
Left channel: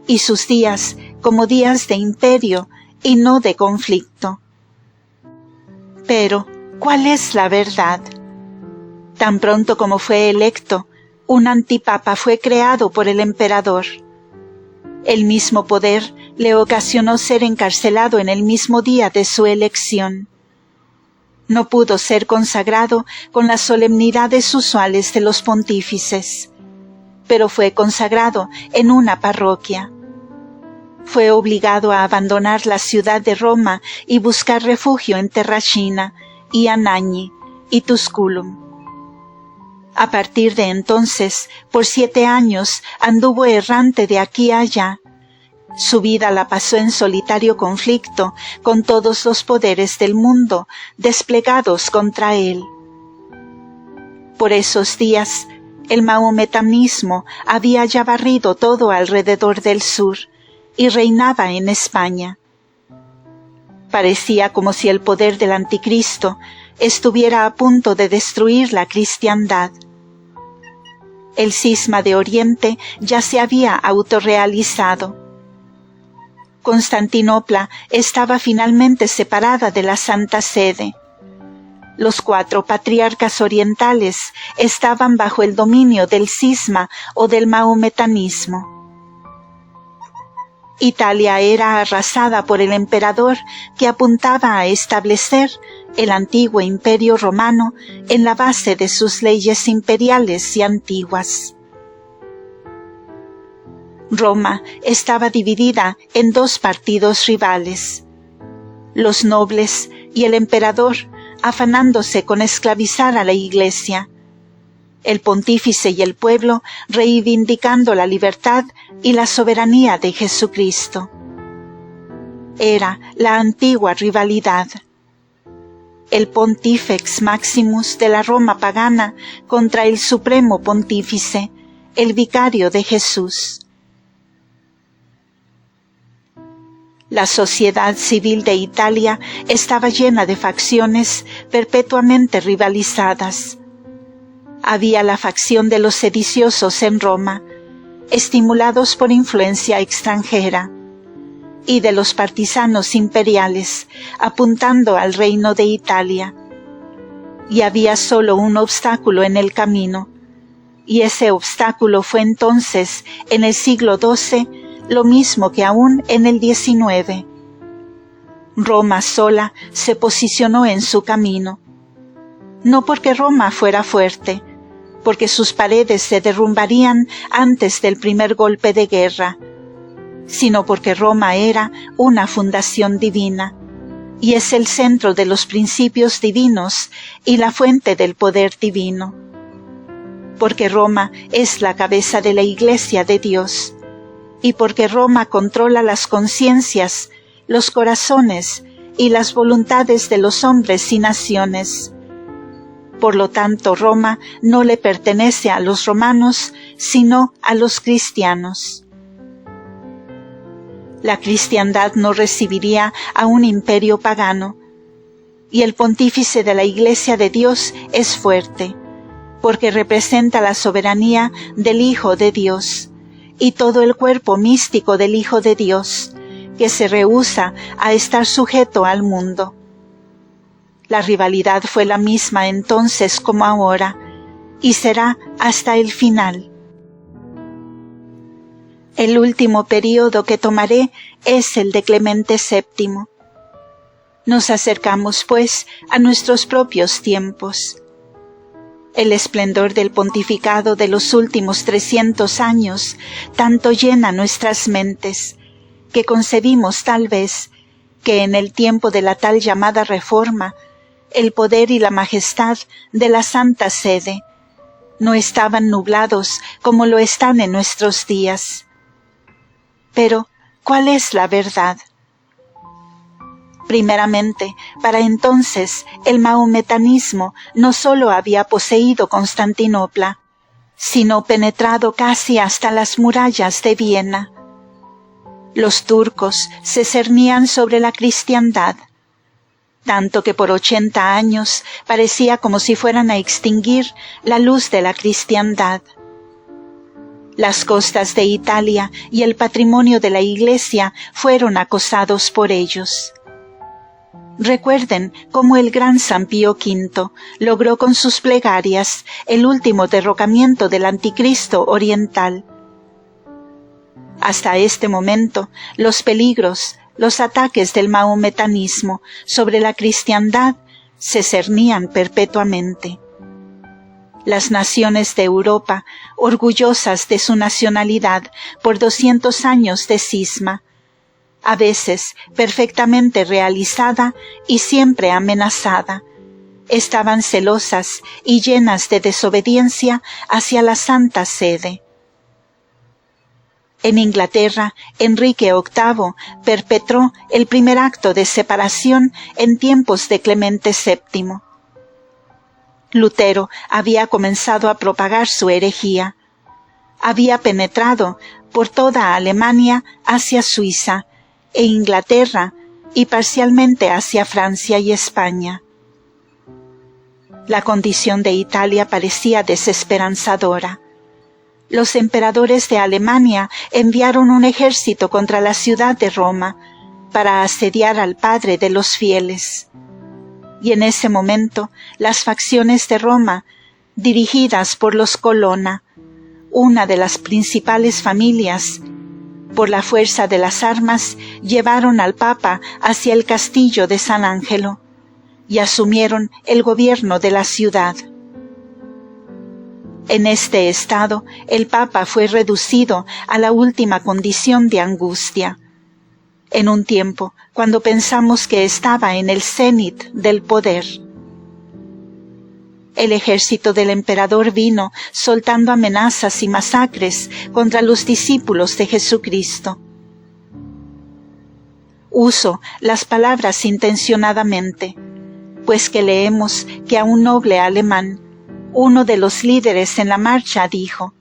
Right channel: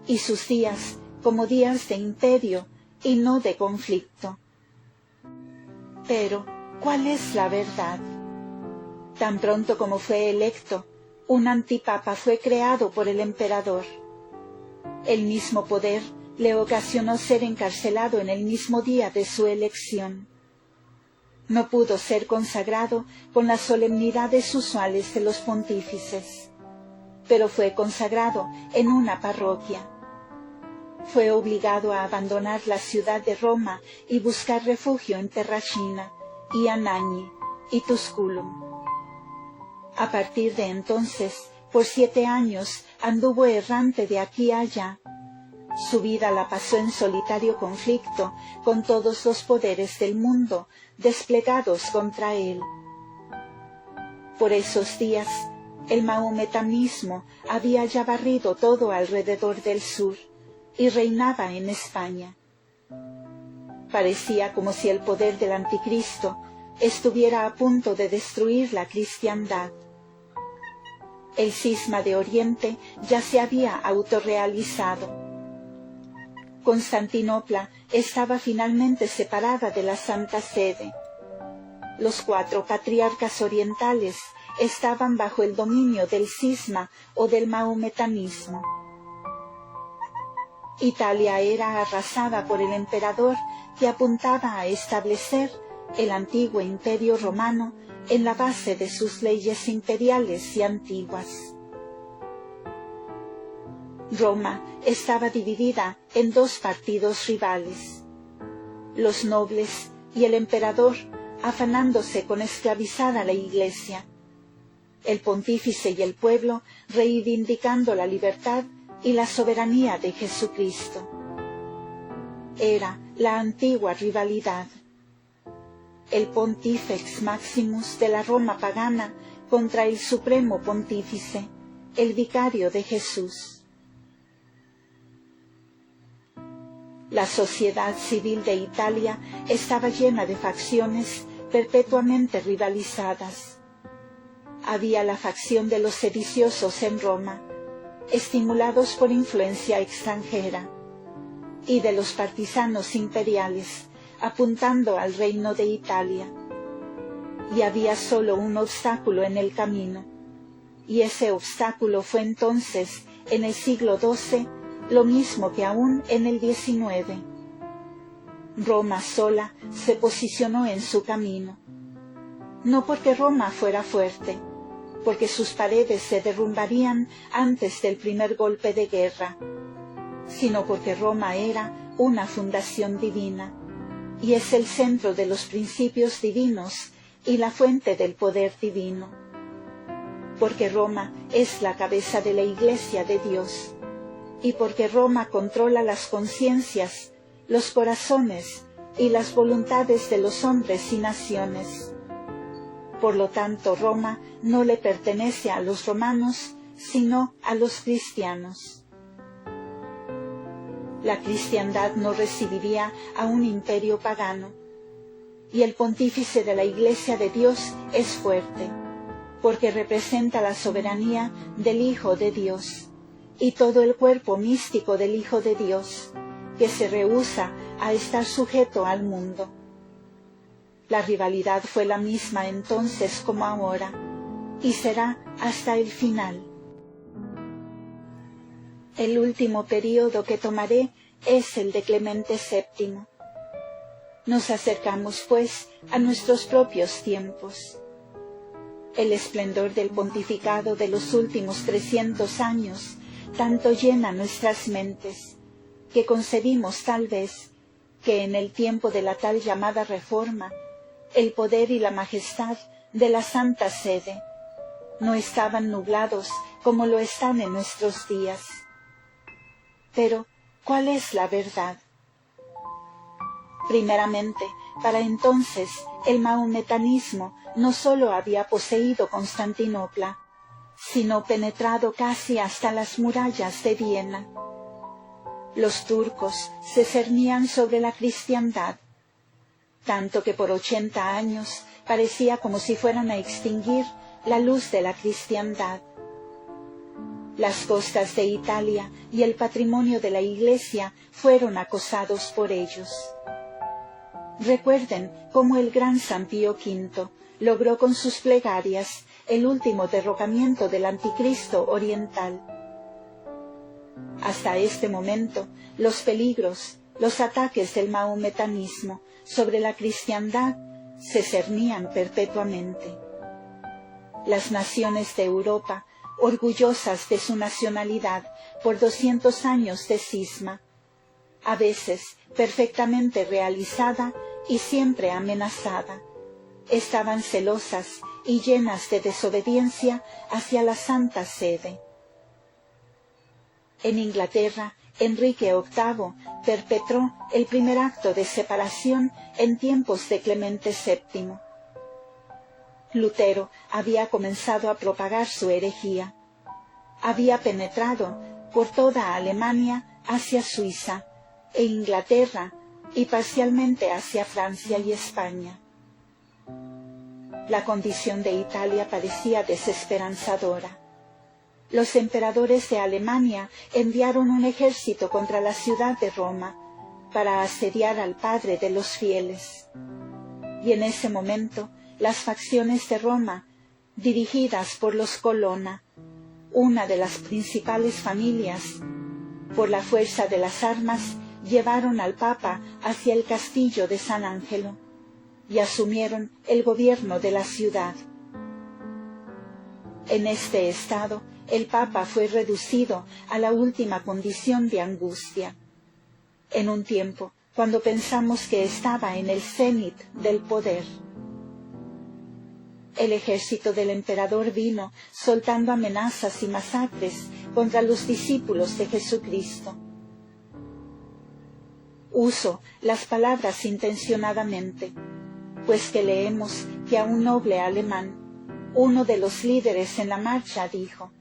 y sus días como días de imperio y no de conflicto. Pero, ¿cuál es la verdad? Tan pronto como fue electo, un antipapa fue creado por el emperador. El mismo poder le ocasionó ser encarcelado en el mismo día de su elección. No pudo ser consagrado con las solemnidades usuales de los pontífices, pero fue consagrado en una parroquia. Fue obligado a abandonar la ciudad de Roma y buscar refugio en Terracina y Anagni y Tusculum. A partir de entonces, por 7 años, anduvo errante de aquí a allá. Su vida la pasó en solitario conflicto con todos los poderes del mundo desplegados contra él. Por esos días, el mahometanismo había ya barrido todo alrededor del sur y reinaba en España. Parecía como si el poder del anticristo estuviera a punto de destruir la cristiandad. El cisma de Oriente ya se había autorrealizado. Constantinopla estaba finalmente separada de la Santa Sede. Los 4 patriarcas orientales estaban bajo el dominio del cisma o del mahometanismo. Italia era arrasada por el emperador que apuntaba a establecer el antiguo imperio romano en la base de sus leyes imperiales y antiguas. Roma estaba dividida en 2 partidos rivales: los nobles y el emperador, afanándose con esclavizar a la Iglesia; el pontífice y el pueblo reivindicando la libertad y la soberanía de Jesucristo. Era la antigua rivalidad. El Pontifex Maximus de la Roma pagana contra el Supremo Pontífice, el vicario de Jesús. La sociedad civil de Italia estaba llena de facciones perpetuamente rivalizadas. Había la facción de los sediciosos en Roma, estimulados por influencia extranjera, y de los partisanos imperiales, apuntando al reino de Italia. Y había solo un obstáculo en el camino, y ese obstáculo fue entonces, en el siglo XII, lo mismo que aún en el XIX. Roma sola se posicionó en su camino, no porque Roma fuera fuerte, porque sus paredes se derrumbarían antes del primer golpe de guerra, sino porque Roma era una fundación divina, y es el centro de los principios divinos y la fuente del poder divino. Porque Roma es la cabeza de la Iglesia de Dios, y porque Roma controla las conciencias, los corazones y las voluntades de los hombres y naciones. Por lo tanto, Roma no le pertenece a los romanos, sino a los cristianos. La cristiandad no recibiría a un imperio pagano, y el pontífice de la Iglesia de Dios es fuerte, porque representa la soberanía del Hijo de Dios, y todo el cuerpo místico del Hijo de Dios, que se rehúsa a estar sujeto al mundo. La rivalidad fue la misma entonces como ahora, y será hasta el final. El último período que tomaré es el de Clemente VII. Nos acercamos, pues, a nuestros propios tiempos. El esplendor del pontificado de los últimos 300 años tanto llena nuestras mentes, que concebimos tal vez que en el tiempo de la tal llamada Reforma, el poder y la majestad de la Santa Sede no estaban nublados como lo están en nuestros días. Pero, ¿cuál es la verdad? Primeramente, para entonces el mahometanismo no sólo había poseído Constantinopla, sino penetrado casi hasta las murallas de Viena. Los turcos se cernían sobre la cristiandad, tanto que por 80 años parecía como si fueran a extinguir la luz de la cristiandad. Las costas de Italia y el patrimonio de la Iglesia fueron acosados por ellos. Recuerden cómo el gran San Pío V logró con sus plegarias el último derrocamiento del anticristo oriental. Hasta este momento, los peligros, los ataques del mahometanismo sobre la cristiandad se cernían perpetuamente. Las naciones de Europa, orgullosas de su nacionalidad por 200 años de cisma, a veces perfectamente realizada y siempre amenazada, estaban celosas y llenas de desobediencia hacia la Santa Sede. En Inglaterra, Enrique VIII perpetró el primer acto de separación en tiempos de Clemente VII. Lutero había comenzado a propagar su herejía. Había penetrado por toda Alemania hacia Suiza e Inglaterra y parcialmente hacia Francia y España. La condición de Italia parecía desesperanzadora. Los emperadores de Alemania enviaron un ejército contra la ciudad de Roma para asediar al padre de los fieles. Y en ese momento las facciones de Roma, dirigidas por los Colonna, una de las principales familias, por la fuerza de las armas llevaron al Papa hacia el castillo de San Angelo y asumieron el gobierno de la ciudad. En este estado, el Papa fue reducido a la última condición de angustia, en un tiempo cuando pensamos que estaba en el cenit del poder. El ejército del emperador vino soltando amenazas y masacres contra los discípulos de Jesucristo. Uso las palabras intencionadamente, pues que leemos que a un noble alemán, uno de los líderes en la marcha, dijo:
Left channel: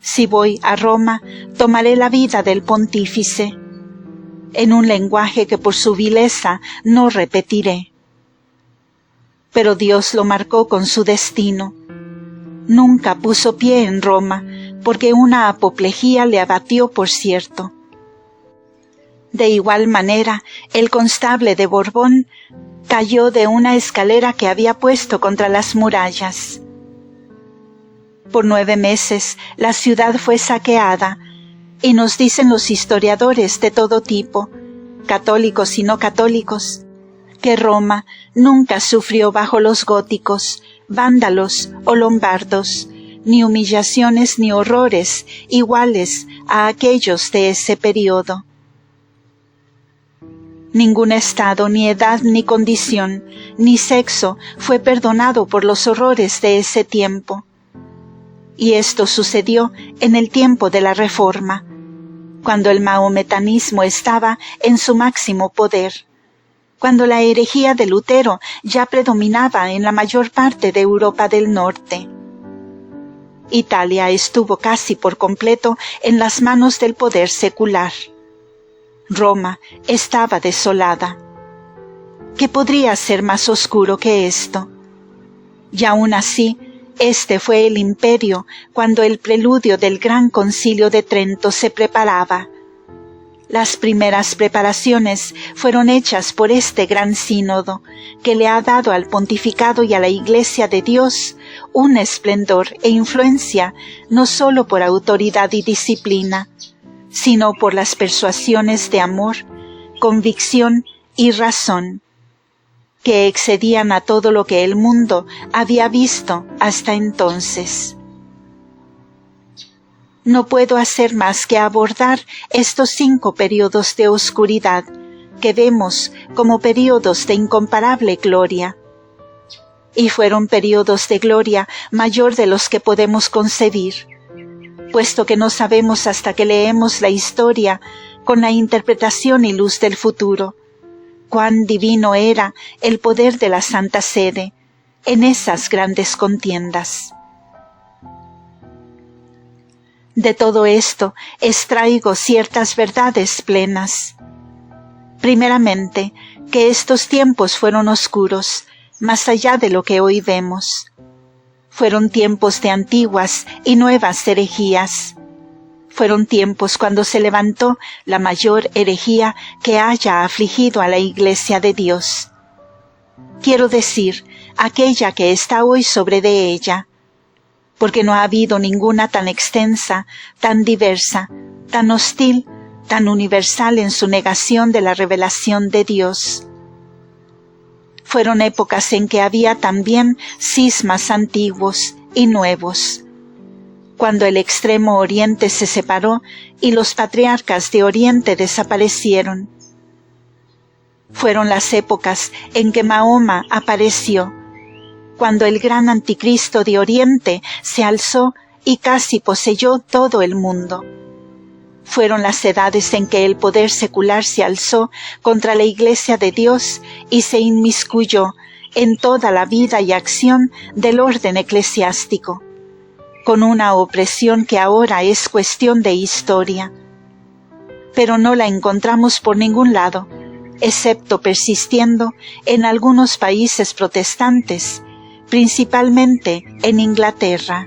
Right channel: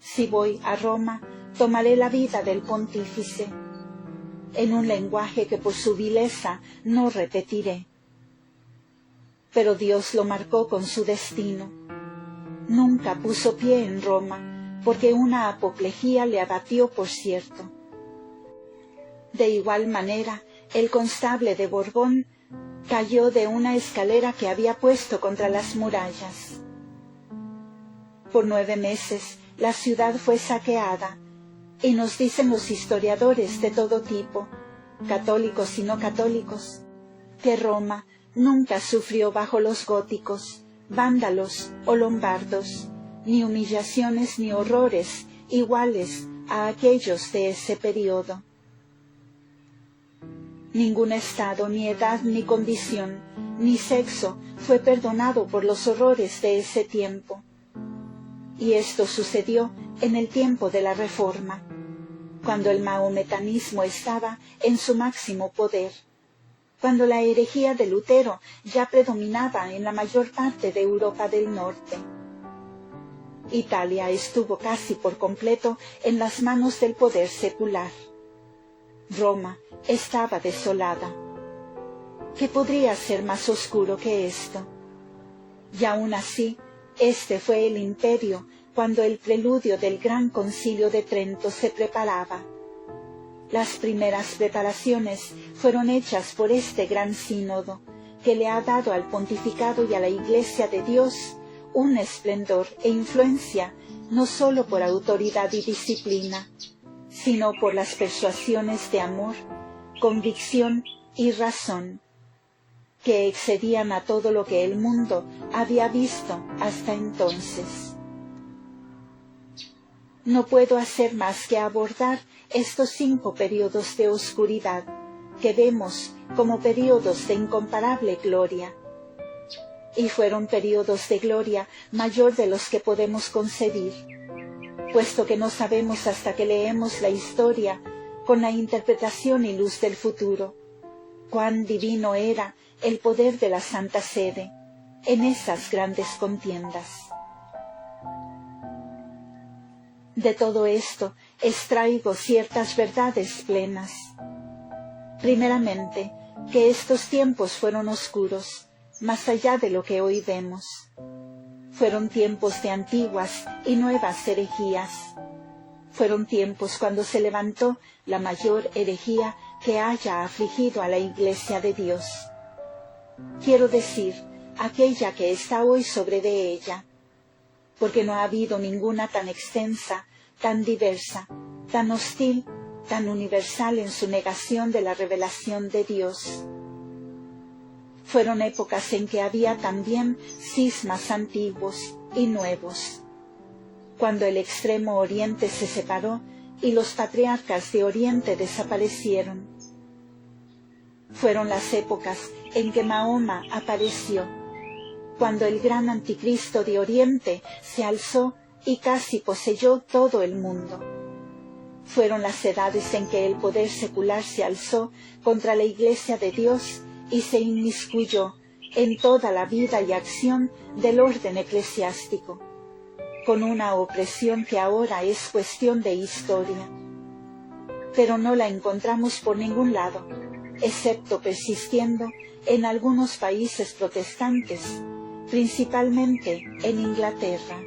«Si voy a Roma, tomaré la vida del pontífice», en un lenguaje que por su vileza no repetiré. Pero Dios lo marcó con su destino. Nunca puso pie en Roma, porque una apoplejía le abatió, por cierto. De igual manera, el constable de Borbón cayó de una escalera que había puesto contra las murallas. Por 9 meses la ciudad fue saqueada, y nos dicen los historiadores de todo tipo, católicos y no católicos, que Roma nunca sufrió bajo los góticos, vándalos o lombardos, ni humillaciones ni horrores iguales a aquellos de ese periodo. Ningún estado, ni edad, ni condición, ni sexo fue perdonado por los horrores de ese tiempo. Y esto sucedió en el tiempo de la Reforma, cuando el mahometanismo estaba en su máximo poder, cuando la herejía de Lutero ya predominaba en la mayor parte de Europa del Norte. Italia estuvo casi por completo en las manos del poder secular. Roma estaba desolada. ¿Qué podría ser más oscuro que esto? Y aún así, este fue el imperio cuando el preludio del Gran Concilio de Trento se preparaba. Las primeras preparaciones fueron hechas por este gran sínodo, que le ha dado al pontificado y a la Iglesia de Dios un esplendor e influencia no sólo por autoridad y disciplina, sino por las persuasiones de amor, convicción y razón, que excedían a todo lo que el mundo había visto hasta entonces. No puedo hacer más que abordar estos 5 periodos de oscuridad que vemos como periodos de incomparable gloria. Y fueron periodos de gloria mayor de los que podemos concebir, puesto que no sabemos hasta que leemos la historia con la interpretación y luz del futuro, cuán divino era el poder de la Santa Sede en esas grandes contiendas. De todo esto extraigo ciertas verdades plenas. Primeramente, que estos tiempos fueron oscuros, más allá de lo que hoy vemos. Fueron tiempos de antiguas y nuevas herejías. Fueron tiempos cuando se levantó la mayor herejía que haya afligido a la Iglesia de Dios. Quiero decir, aquella que está hoy sobre de ella, porque no ha habido ninguna tan extensa, tan diversa, tan hostil, tan universal en su negación de la revelación de Dios. Fueron épocas en que había también cismas antiguos y nuevos, cuando el extremo oriente se separó y los patriarcas de oriente desaparecieron. Fueron las épocas en que Mahoma apareció, cuando el gran anticristo de Oriente se alzó y casi poseyó todo el mundo. Fueron las edades en que el poder secular se alzó contra la Iglesia de Dios y se inmiscuyó en toda la vida y acción del orden eclesiástico, con una opresión que ahora es cuestión de historia. Pero no la encontramos por ningún lado, excepto persistiendo en algunos países protestantes, principalmente en Inglaterra.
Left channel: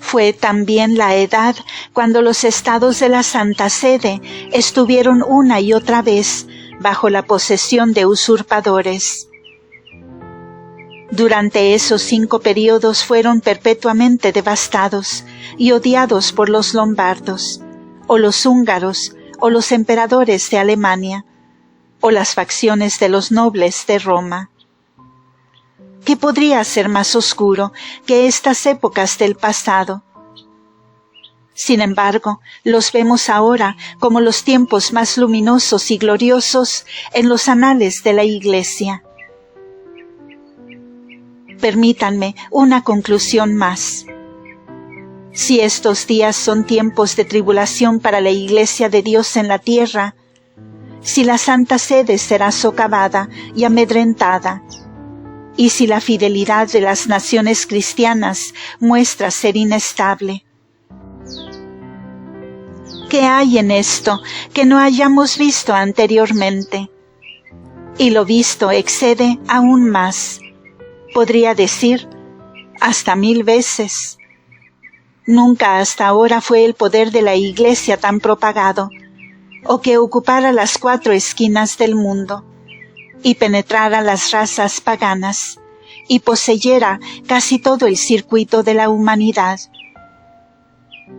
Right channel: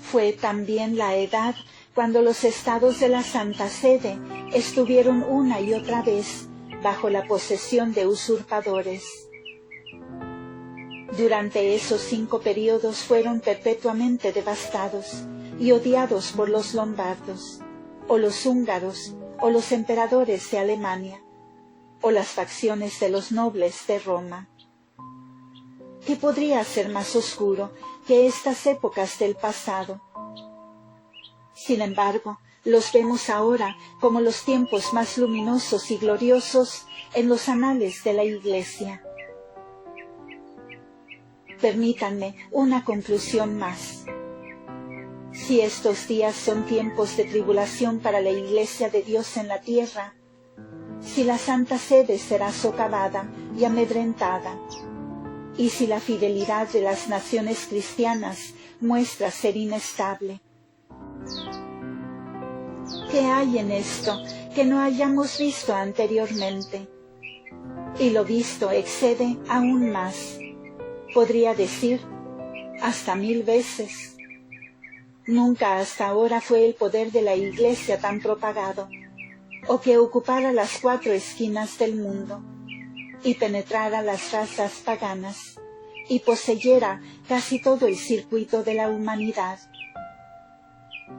Fue también la edad cuando los estados de la Santa Sede estuvieron una y otra vez bajo la posesión de usurpadores. Durante esos 5 periodos fueron perpetuamente devastados y odiados por los lombardos, o los húngaros, o los emperadores de Alemania, o las facciones de los nobles de Roma. ¿Qué podría ser más oscuro que estas épocas del pasado? Sin embargo, los vemos ahora como los tiempos más luminosos y gloriosos en los anales de la Iglesia. Permítanme una conclusión más. Si estos días son tiempos de tribulación para la Iglesia de Dios en la tierra, si la Santa Sede será socavada y amedrentada, y si la fidelidad de las naciones cristianas muestra ser inestable. ¿Qué hay en esto que no hayamos visto anteriormente? Y lo visto excede aún más, podría decir, hasta 1000 veces. Nunca hasta ahora fue el poder de la Iglesia tan propagado, o que ocupara las 4 esquinas del mundo, y penetrara las razas paganas, y poseyera casi todo el circuito de la humanidad.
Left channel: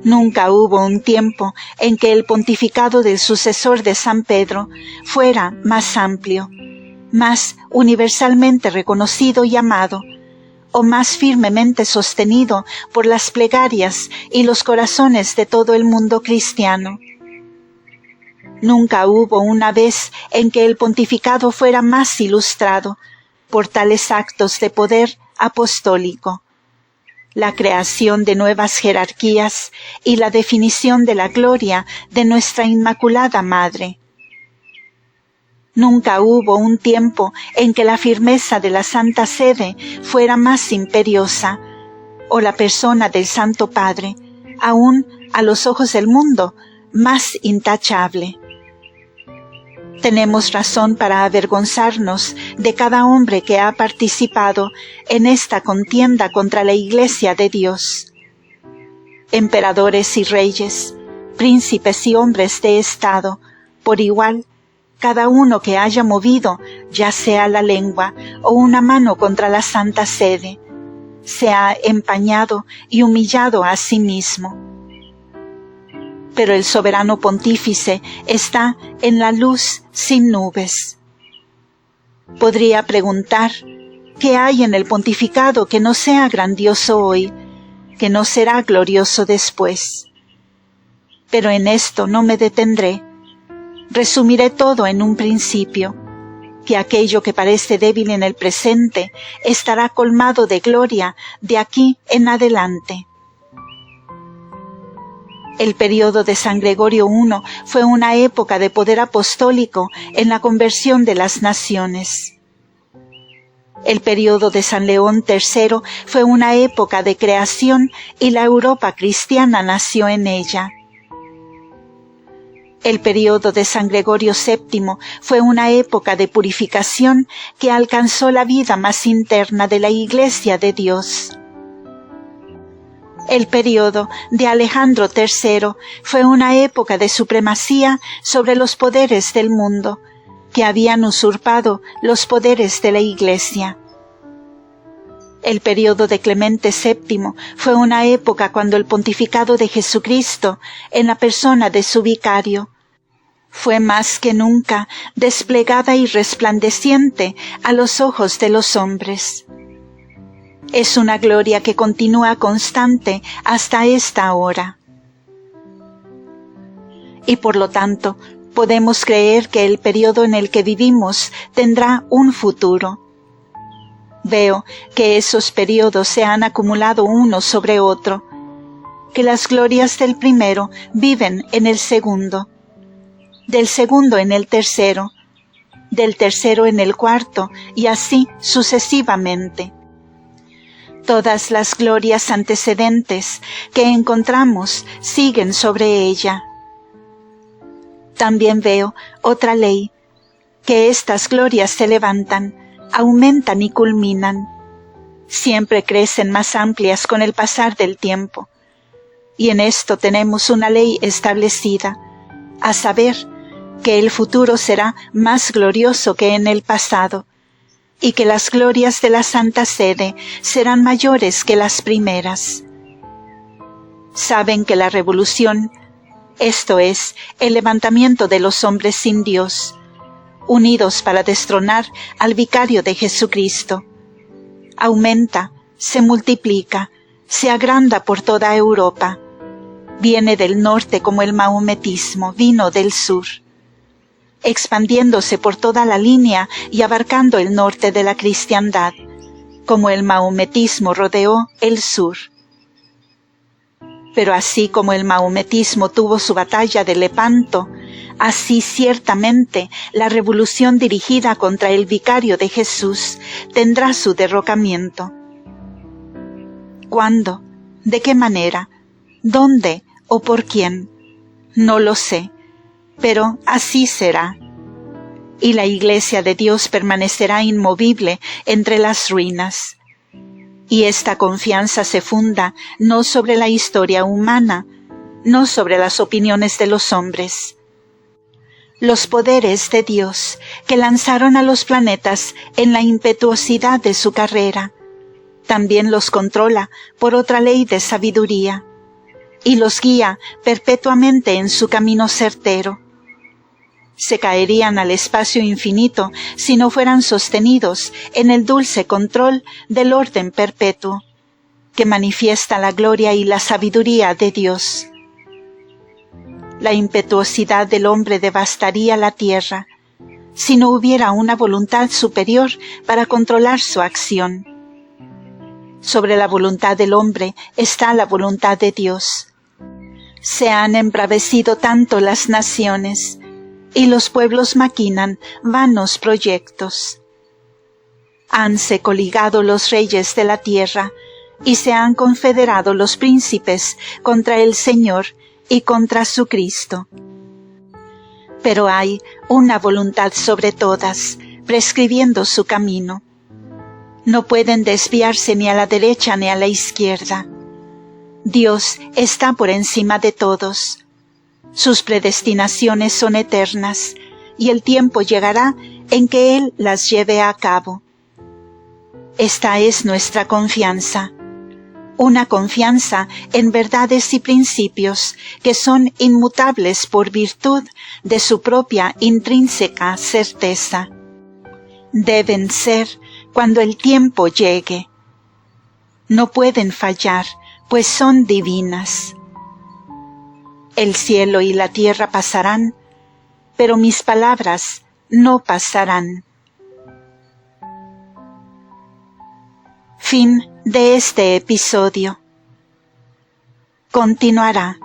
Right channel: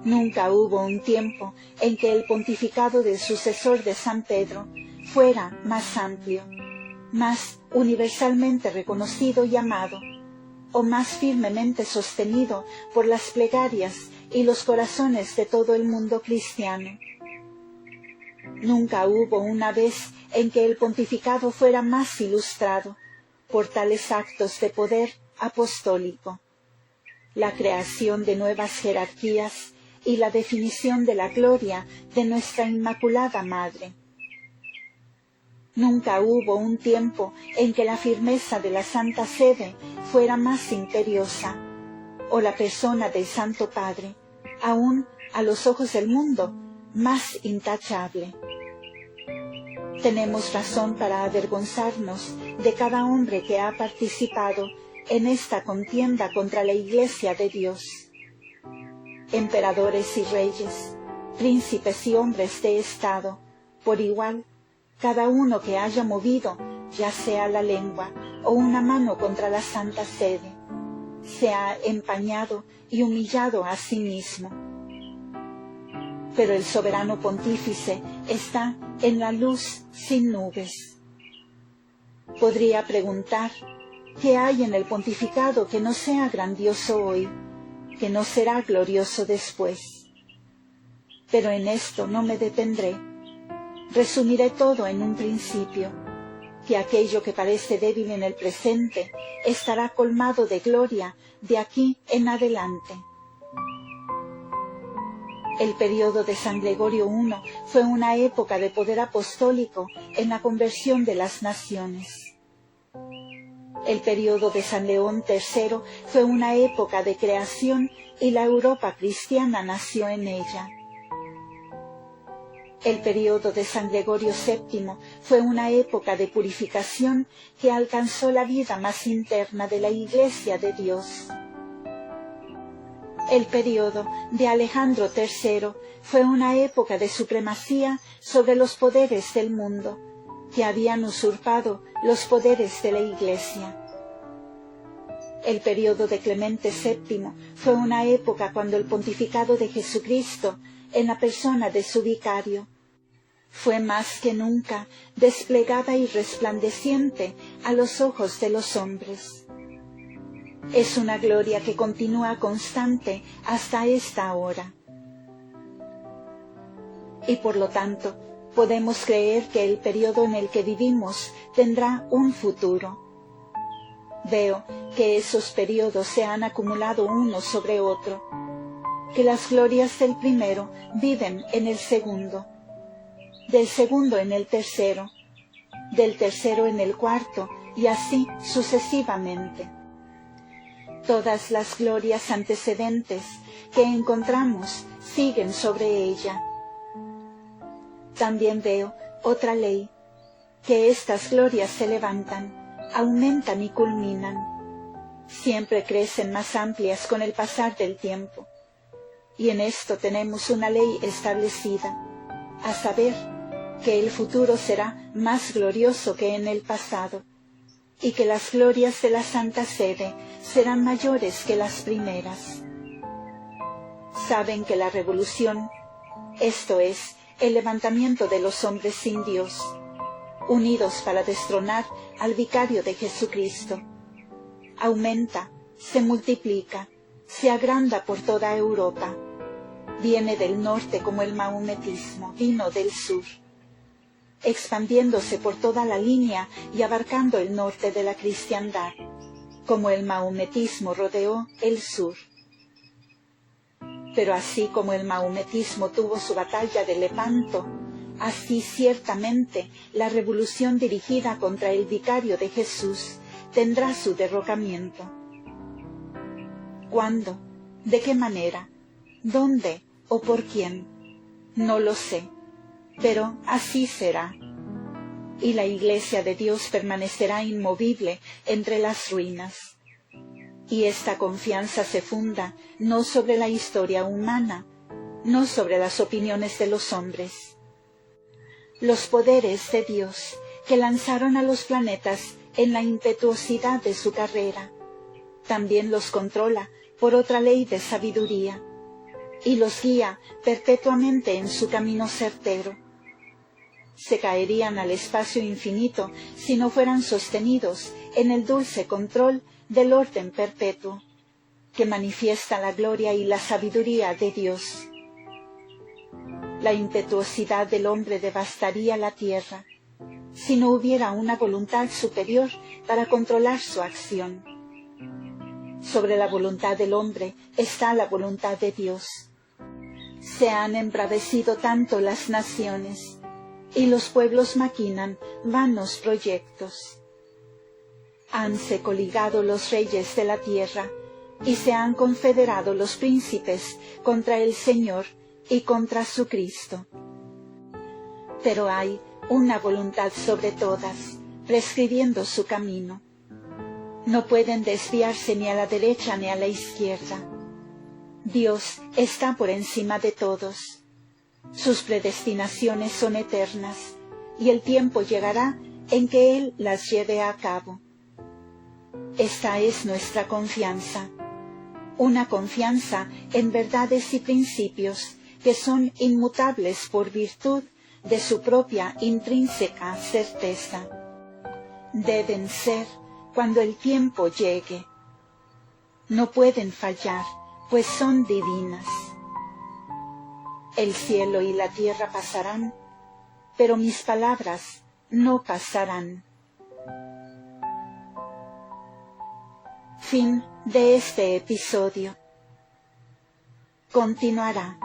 Nunca hubo un tiempo en que el pontificado del sucesor de San Pedro fuera más amplio, más universalmente reconocido y amado, o más firmemente sostenido por las plegarias y los corazones de todo el mundo cristiano. Nunca hubo una vez en que el pontificado fuera más ilustrado por tales actos de poder apostólico. la creación de nuevas jerarquías y la definición de la gloria de nuestra Inmaculada Madre. Nunca hubo un tiempo en que la firmeza de la Santa Sede fuera más imperiosa, o la persona del Santo Padre, aún a los ojos del mundo, más intachable. Tenemos razón para avergonzarnos de cada hombre que ha participado en esta contienda contra la Iglesia de Dios. Emperadores y reyes, príncipes y hombres de Estado, por igual, cada uno que haya movido, ya sea la lengua o una mano contra la Santa Sede, se ha empañado y humillado a sí mismo. Pero el soberano pontífice está en la luz sin nubes. Podría preguntar, ¿qué hay en el pontificado que no sea grandioso hoy, que no será glorioso después? Pero en esto no me detendré. Resumiré todo en un principio, que aquello que parece débil en el presente estará colmado de gloria de aquí en adelante. El período de San Gregorio I fue una época de poder apostólico en la conversión de las naciones. El período de San León III fue una época de creación y la Europa cristiana nació en ella. El período de San Gregorio VII fue una época de purificación que alcanzó la vida más interna de la Iglesia de Dios. El período de Alejandro III fue una época de supremacía sobre los poderes del mundo, que habían usurpado los poderes de la Iglesia. El período de Clemente VII fue una época cuando el pontificado de Jesucristo, en la persona de su vicario, fue más que nunca desplegada y resplandeciente a los ojos de los hombres. Es una gloria que continúa constante hasta esta hora. Y por lo tanto, podemos creer que el período en el que vivimos tendrá un futuro. Veo que esos períodos se han acumulado uno sobre otro, que las glorias del primero viven en el segundo, del segundo en el tercero, del tercero en el cuarto, y así sucesivamente. Todas las glorias antecedentes que encontramos siguen sobre ella. También veo otra ley, que estas glorias se levantan, aumentan y culminan. Siempre crecen más amplias con el pasar del tiempo. Y en esto tenemos una ley establecida, a saber, que el futuro será más glorioso que en el pasado, y que las glorias de la Santa Sede serán mayores que las primeras. Saben que la revolución, esto es, el levantamiento de los hombres sin Dios, unidos para destronar al vicario de Jesucristo, aumenta, se multiplica, se agranda por toda Europa. Viene del norte como el maometismo vino del sur, expandiéndose por toda la línea y abarcando el norte de la cristiandad, como el maometismo rodeó el sur. Pero así como el maometismo tuvo su batalla de Lepanto, así ciertamente la revolución dirigida contra el vicario de Jesús tendrá su derrocamiento. ¿Cuándo? ¿De qué manera? ¿Dónde o por quién? No lo sé, pero así será. Y la Iglesia de Dios permanecerá inmovible entre las ruinas. Y esta confianza se funda no sobre la historia humana, no sobre las opiniones de los hombres. Los poderes de Dios que lanzaron a los planetas en la impetuosidad de su carrera, también los controla por otra ley de sabiduría, y los guía perpetuamente en su camino certero. Se caerían al espacio infinito si no fueran sostenidos en el dulce control del orden perpetuo, que manifiesta la gloria y la sabiduría de Dios. La impetuosidad del hombre devastaría la tierra, si no hubiera una voluntad superior para controlar su acción. Sobre la voluntad del hombre está la voluntad de Dios. Se han embravecido tanto las naciones, y los pueblos maquinan vanos proyectos. Hanse coligado los reyes de la tierra, y se han confederado los príncipes contra el Señor y contra su Cristo. Pero hay una voluntad sobre todas, prescribiendo su camino. No pueden desviarse ni a la derecha ni a la izquierda. Dios está por encima de todos. Sus predestinaciones son eternas, y el tiempo llegará en que Él las lleve a cabo. Esta es nuestra confianza, una confianza en verdades y principios que son inmutables por virtud de su propia intrínseca certeza. Deben ser cuando el tiempo llegue. No pueden fallar, pues son divinas. El cielo y la tierra pasarán, pero mis palabras no pasarán. Fin de este episodio. Continuará.